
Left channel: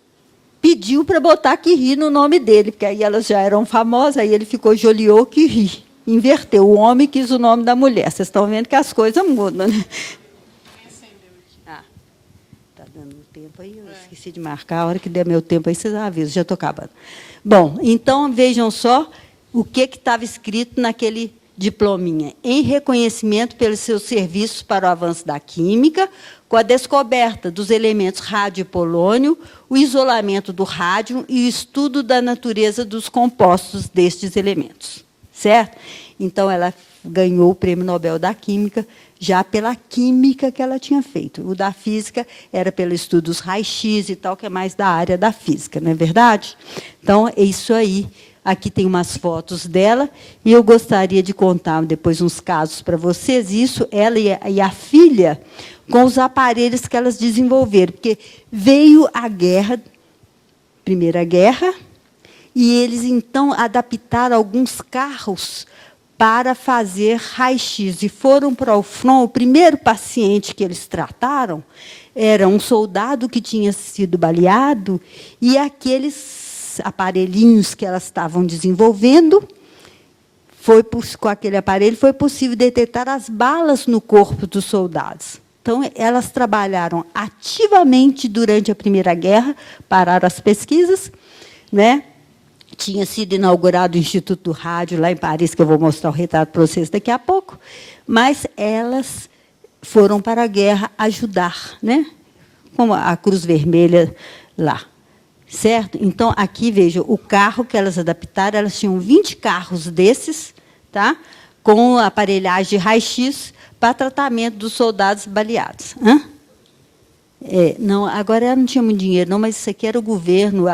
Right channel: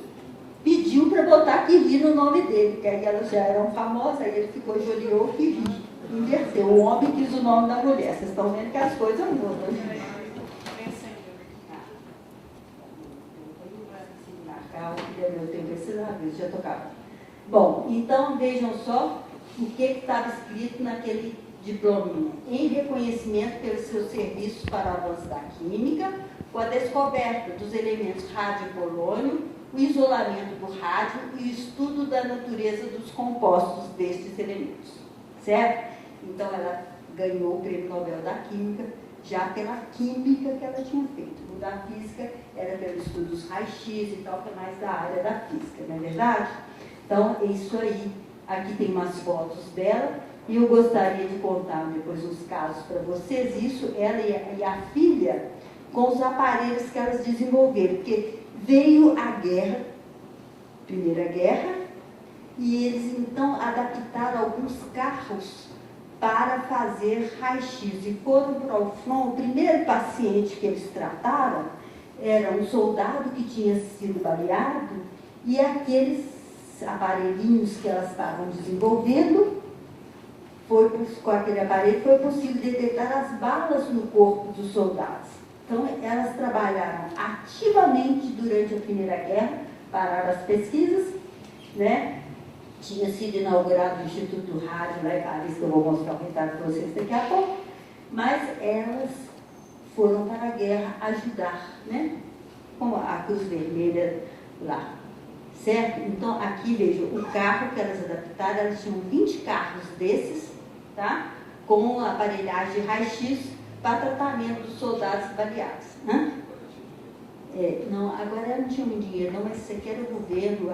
pediu para botar Curie no nome dele, porque aí elas já eram famosas, aí ele ficou Joliot-Curie. Inverteu, o homem quis o nome da mulher. Vocês estão vendo que as coisas mudam, né? Está dando tempo aí, eu esqueci de marcar, a hora que der meu tempo aí, vocês avisam, já estou acabando. Bom, então, vejam só o que estava escrito naquele diplominha. Em reconhecimento pelos seus serviços para o avanço da química, com a descoberta dos elementos rádio e polônio, o isolamento do rádio e o estudo da natureza dos compostos destes elementos. Certo? Então, ela ganhou o Prêmio Nobel da Química já pela química que ela tinha feito. O da física era pelo estudo dos raios-x e tal, que é mais da área da física, não é verdade? Então, é isso aí. Aqui tem umas fotos dela, e eu gostaria de contar depois uns casos para vocês. Isso, ela e a filha, com os aparelhos que elas desenvolveram, porque veio a guerra, Primeira Guerra, e eles, então, adaptaram alguns carros para fazer raio-x. E foram para o front. O primeiro paciente que eles trataram era um soldado que tinha sido baleado, e aqueles aparelhinhos que elas estavam desenvolvendo, com aquele aparelho, foi possível detectar as balas no corpo dos soldados. Então, elas trabalharam ativamente durante a Primeira Guerra, pararam as pesquisas, né? Tinha sido inaugurado o Instituto do Rádio, lá em Paris, que eu vou mostrar o retrato para vocês daqui a pouco, mas elas foram para a guerra ajudar, né? Como a Cruz Vermelha lá, certo? Então, aqui, vejam, o carro que elas adaptaram, elas tinham 20 carros desses, tá? Com aparelhagem de raio-x para tratamento dos soldados baleados. Hã? Não, agora ela não tinha muito dinheiro, não, mas isso aqui era o governo,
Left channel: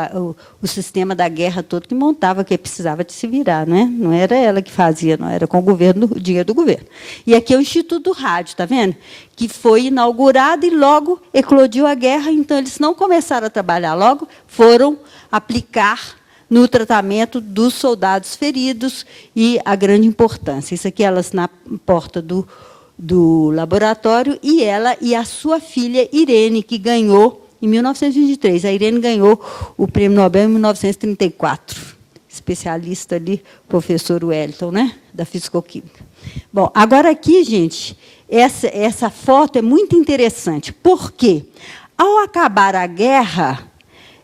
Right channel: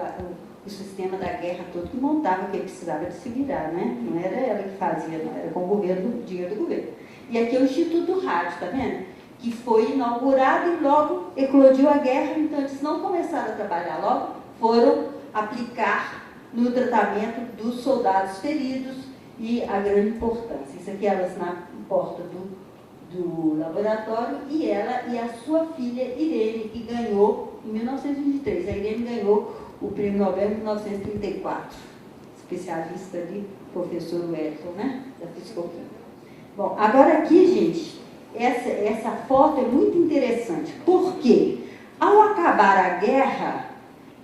o sistema da guerra todo que montava, que precisava de se virar, né? Não era ela que fazia, não, era com o governo, o dinheiro do governo. E aqui é o Instituto do Rádio, está vendo? Que foi inaugurado e logo eclodiu a guerra, então eles não começaram a trabalhar logo, foram aplicar no tratamento dos soldados feridos, e a grande importância. Isso aqui, elas na porta do laboratório, e ela e a sua filha, Irene, que ganhou em 1923. A Irene ganhou o Prêmio Nobel em 1934. Especialista ali, professor Wellington, né? Da Fisicoquímica. Bom, agora aqui, gente, essa foto é muito interessante, porque, ao acabar a guerra,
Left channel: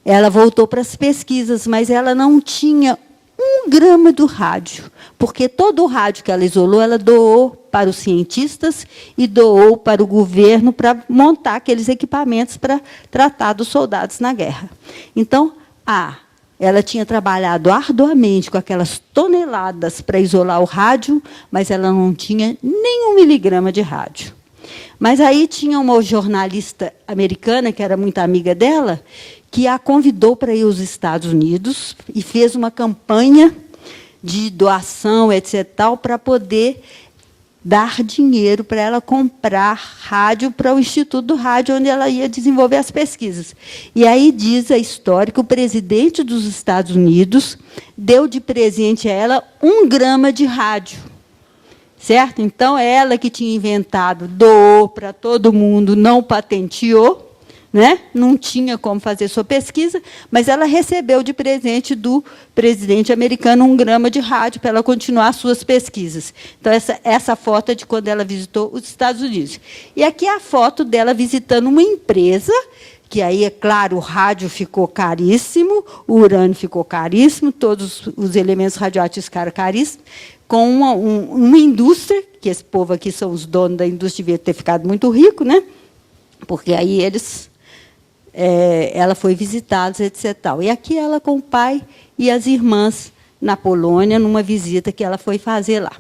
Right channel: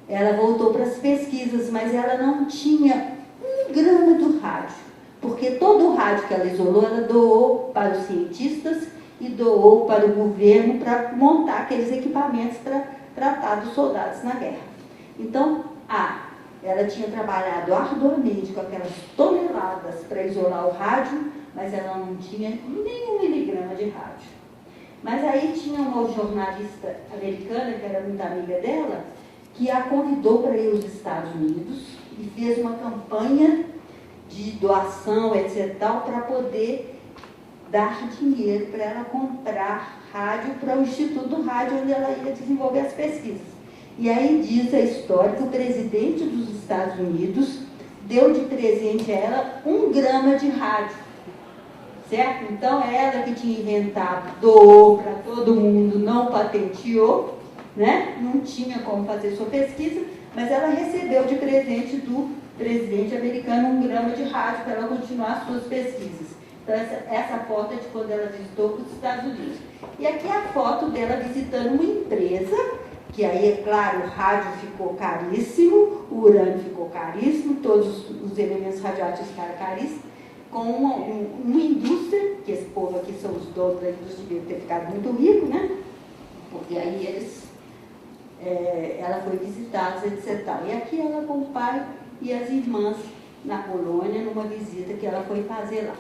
ela voltou para as pesquisas, mas ela não tinha 1 grama do rádio, porque todo o rádio que ela isolou, ela doou para os cientistas e doou para o governo para montar aqueles equipamentos para tratar dos soldados na guerra. Então, ela tinha trabalhado arduamente com aquelas toneladas para isolar o rádio, mas ela não tinha nem 1 miligrama de rádio. Mas aí tinha uma jornalista americana, que era muito amiga dela, que a convidou para ir aos Estados Unidos e fez uma campanha de doação, etc., tal, para poder dar dinheiro para ela comprar rádio para o Instituto do Rádio, onde ela ia desenvolver as pesquisas. E aí diz a história que o presidente dos Estados Unidos deu de presente a ela 1 grama de rádio. Certo? Então, ela que tinha inventado, doou para todo mundo, não patenteou, né? Não tinha como fazer sua pesquisa, mas ela recebeu de presente do presidente americano 1 grama de rádio para ela continuar suas pesquisas. Então, essa foto é de quando ela visitou os Estados Unidos. E aqui é a foto dela visitando uma empresa, que aí, é claro, o rádio ficou caríssimo, o urânio ficou caríssimo, todos os elementos radioativos ficaram caríssimos, com uma indústria, que esse povo aqui são os donos da indústria, devia ter ficado muito rico, né? Porque aí ela foi visitá-los, etc. E aqui ela com o pai e as irmãs na Polônia, numa visita que ela foi fazer lá.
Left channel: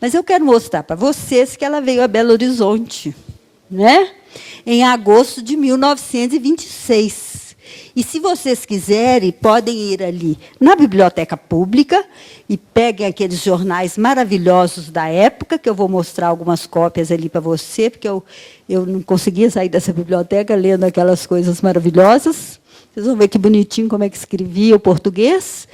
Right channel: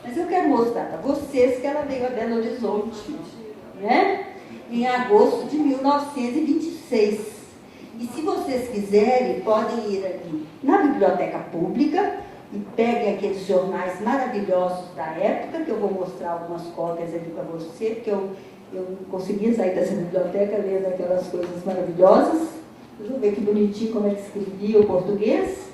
Mas eu quero mostrar para vocês que ela veio a Belo Horizonte, né? Em agosto de 1926. E, se vocês quiserem, podem ir ali na biblioteca pública e peguem aqueles jornais maravilhosos da época, que eu vou mostrar algumas cópias ali para você, porque eu não conseguia sair dessa biblioteca lendo aquelas coisas maravilhosas. Vocês vão ver que bonitinho como é que escrevia o português.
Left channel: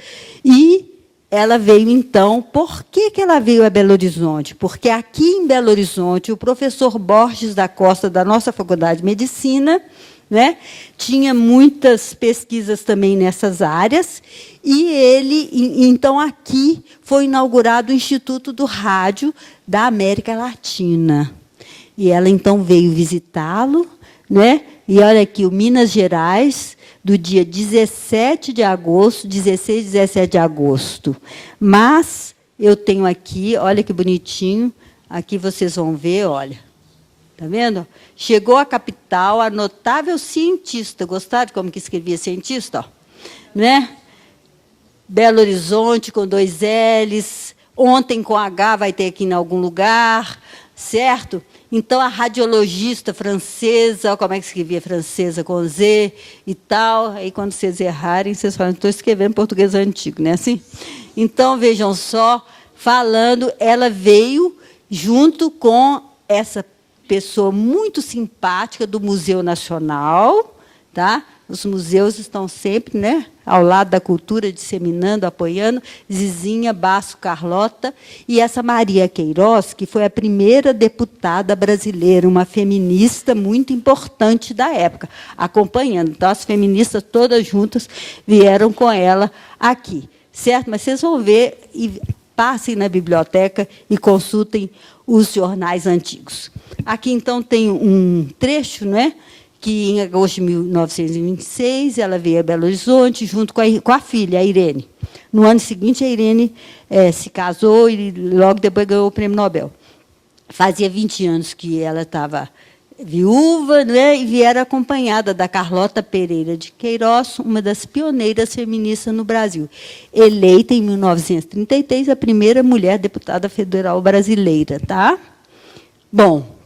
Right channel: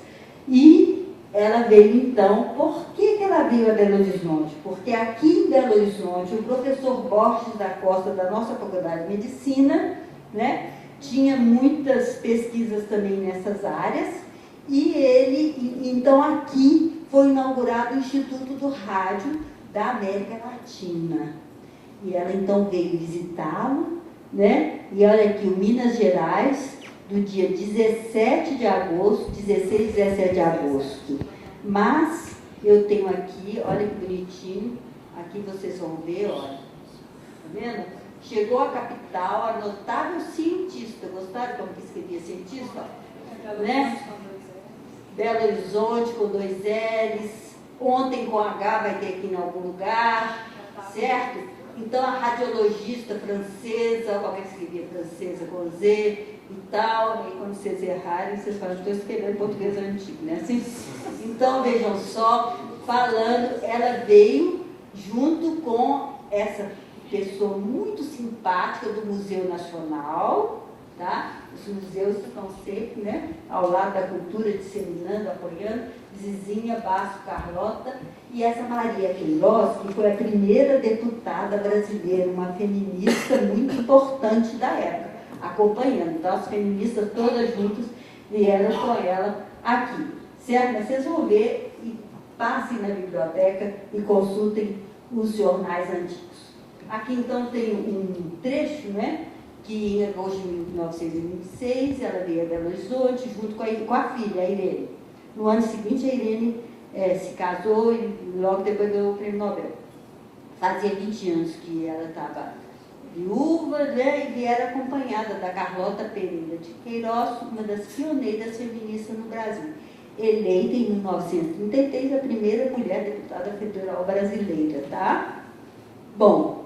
E ela veio, então, por que ela veio a Belo Horizonte? Porque aqui em Belo Horizonte, o professor Borges da Costa, da nossa Faculdade de Medicina, né, tinha muitas pesquisas também nessas áreas, e então, aqui foi inaugurado o Instituto do Rádio da América Latina. E ela, então, veio visitá-lo, né? E olha aqui, o Minas Gerais, do dia 17 de agosto, 16 e 17 de agosto. Mas eu tenho aqui, olha que bonitinho, aqui vocês vão ver, olha, tá vendo? Chegou à capital a notável cientista, gostaram de como que escrevia cientista? Ó, né? Belo Horizonte, com 2 L's, ontem com H vai ter aqui em algum lugar, certo? Então, a radiologista francesa, olha como é que escrevia francesa com Z e tal. Aí, quando vocês errarem, vocês falam, estou escrevendo português antigo, né? Assim? Então, vejam só, falando, ela veio junto com essa pessoa muito simpática do Museu Nacional, tá? Os museus estão sempre, né, ao lado da cultura, disseminando, apoiando. Zizinha, Basso, Carlota, e essa Maria Queiroz, que foi a primeira deputada brasileira, uma feminista muito importante da época, acompanhando. Então, as feministas todas juntas vieram com ela aqui, certo? Mas vocês vão ver, e passem na biblioteca e consultem os jornais antigos. Aqui, então, tem um trecho, né, que, em agosto de 1926, ela veio a Belo Horizonte, junto com a filha, a Irene. No ano seguinte, a Irene se casou e, logo depois, ganhou o Prêmio Nobel. Fazia 20 anos que ela estava viúva, né, e viera acompanhada da Carlota Pereira de Queiroz, uma das pioneiras feministas no Brasil. Eleita, em 1933, a primeira mulher deputada federal brasileira. Tá? Bom,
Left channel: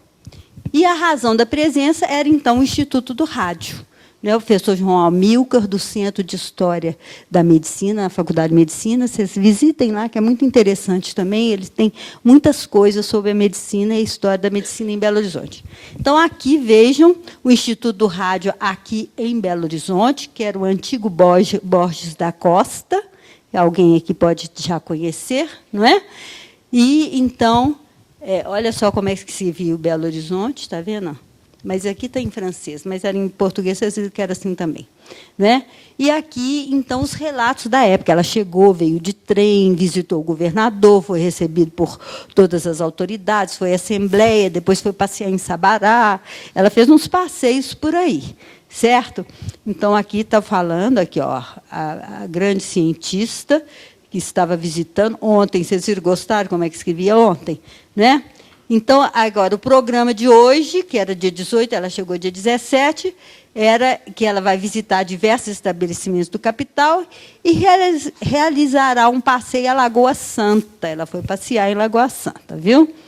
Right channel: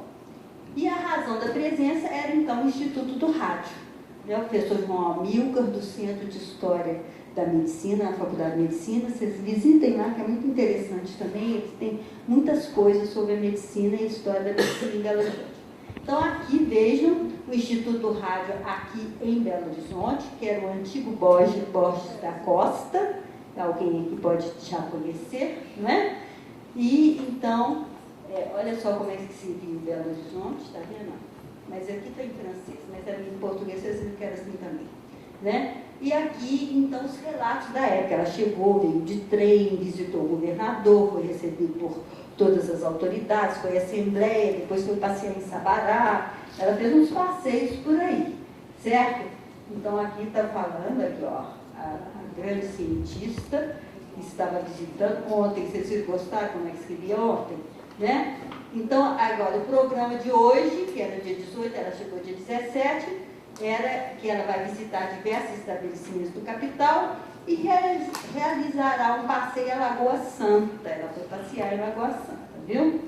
e a razão da presença era, então, o Instituto do Rádio. Né? O professor João Amilcar, do Centro de História da Medicina, na Faculdade de Medicina, vocês visitem lá, que é muito interessante também, eles têm muitas coisas sobre a medicina e a história da medicina em Belo Horizonte. Então, aqui, vejam, o Instituto do Rádio, aqui em Belo Horizonte, que era o antigo Borges da Costa, alguém aqui pode já conhecer, não é? E, então, olha só como é que se viu Belo Horizonte, está vendo? Mas aqui está em francês, mas era em português, vocês viram que era assim também. Né? E aqui, então, os relatos da época. Ela chegou, veio de trem, visitou o governador, foi recebido por todas as autoridades, foi à Assembleia, depois foi passear em Sabará. Ela fez uns passeios por aí, certo? Então, aqui está falando, aqui, ó, a grande cientista que estava visitando ontem. Vocês gostaram como é que escrevia ontem? Né? Então, agora, o programa de hoje, que era dia 18, ela chegou dia 17, era que ela vai visitar diversos estabelecimentos do capital e realizará um passeio à Lagoa Santa. Ela foi passear em Lagoa Santa, viu?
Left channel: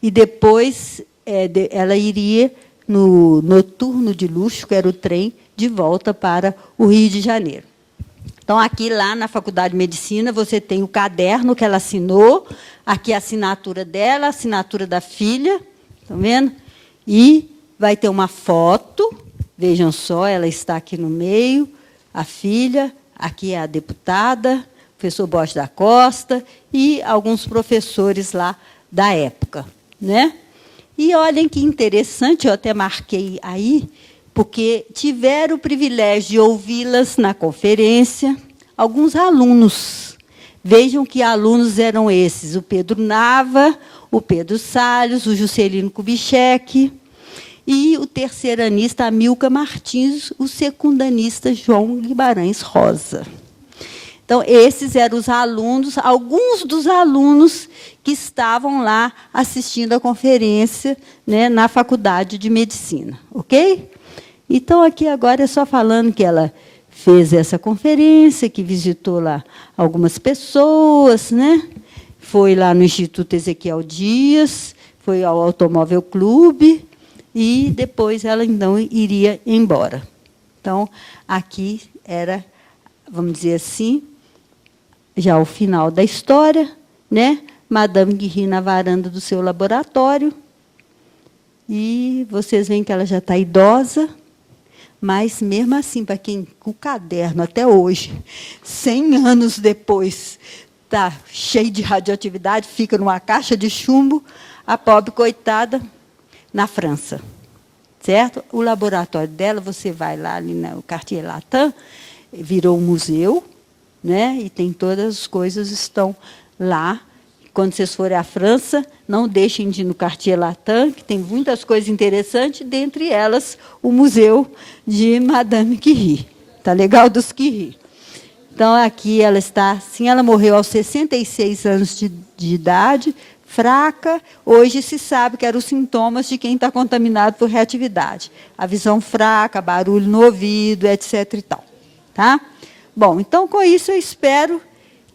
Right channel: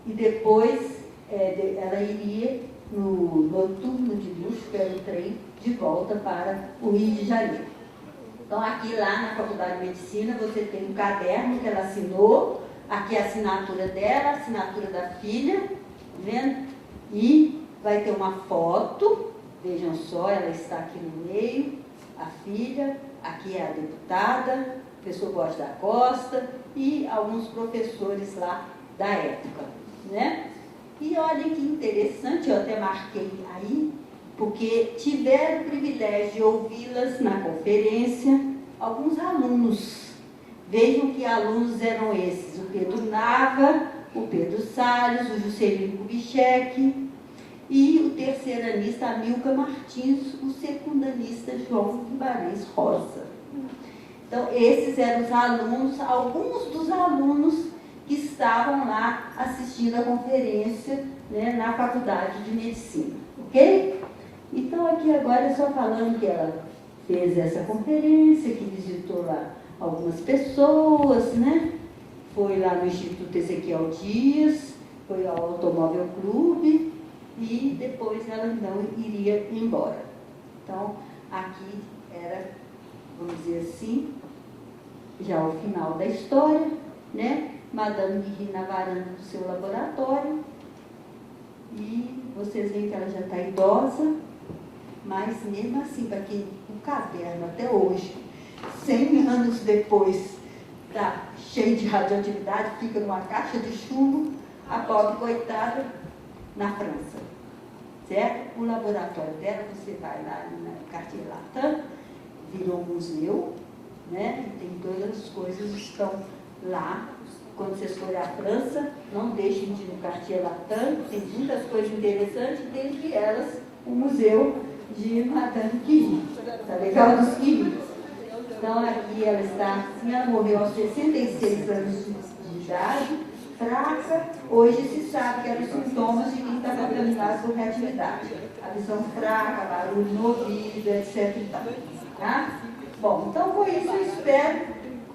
E depois ela iria no noturno de luxo, que era o trem, de volta para o Rio de Janeiro. Então, aqui, lá na Faculdade de Medicina, você tem o caderno que ela assinou, aqui a assinatura dela, a assinatura da filha, estão vendo? E vai ter uma foto, vejam só, ela está aqui no meio, a filha, aqui é a deputada, o professor Borges da Costa e alguns professores lá da época. Né? E olhem que interessante, eu até marquei aí, porque tiveram o privilégio de ouvi-las na conferência alguns alunos. Vejam que alunos eram esses: o Pedro Nava, o Pedro Salles, o Juscelino Kubitschek e o terceiranista Amilcar Martins, o secundanista João Guimarães Rosa. Então, esses eram os alunos, alguns dos alunos que estavam lá assistindo a conferência, né, na Faculdade de Medicina, ok? Então, aqui agora é só falando que ela fez essa conferência, que visitou lá algumas pessoas, né? Foi lá no Instituto Ezequiel Dias, foi ao Automóvel Clube, e depois ela, então, iria embora. Então, aqui era, vamos dizer assim, já o final da história, né? Madame Curie na varanda do seu laboratório, e vocês veem que ela já está idosa, mas, mesmo assim, para quem, com o caderno até hoje, 100 anos depois, está cheio de radioatividade, fica numa caixa de chumbo, a pobre coitada, na França. Certo? O laboratório dela, você vai lá ali no Quartier Latin, virou um museu, né? E tem todas as coisas estão lá. Quando vocês forem à França, não deixem de ir no Quartier Latin, que tem muitas coisas interessantes, dentre elas o museu de Madame Curie. Tá legal dos Curie. Então, aqui ela está assim, ela morreu aos 66 anos de idade, fraca. Hoje se sabe que eram os sintomas de quem está contaminado por reatividade. A visão fraca, barulho no ouvido, etc. e tal. Tá? Bom, então, com isso, eu espero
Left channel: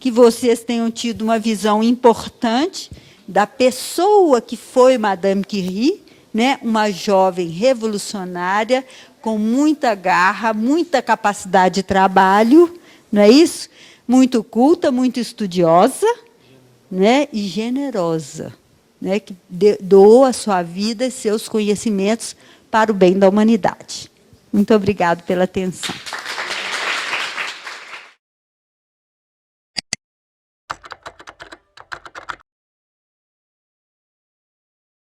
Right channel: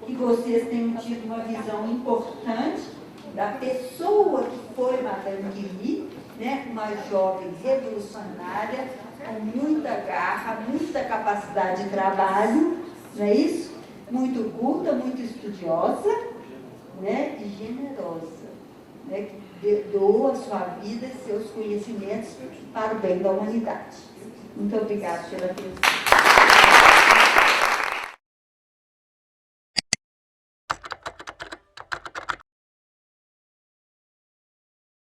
que vocês tenham tido uma visão importante da pessoa que foi Madame Curie, né? Uma jovem revolucionária, com muita garra, muita capacidade de trabalho, não é isso? Muito culta, muito estudiosa, né? E generosa, né? Que doou a sua vida e seus conhecimentos para o bem da humanidade. Muito obrigada pela atenção.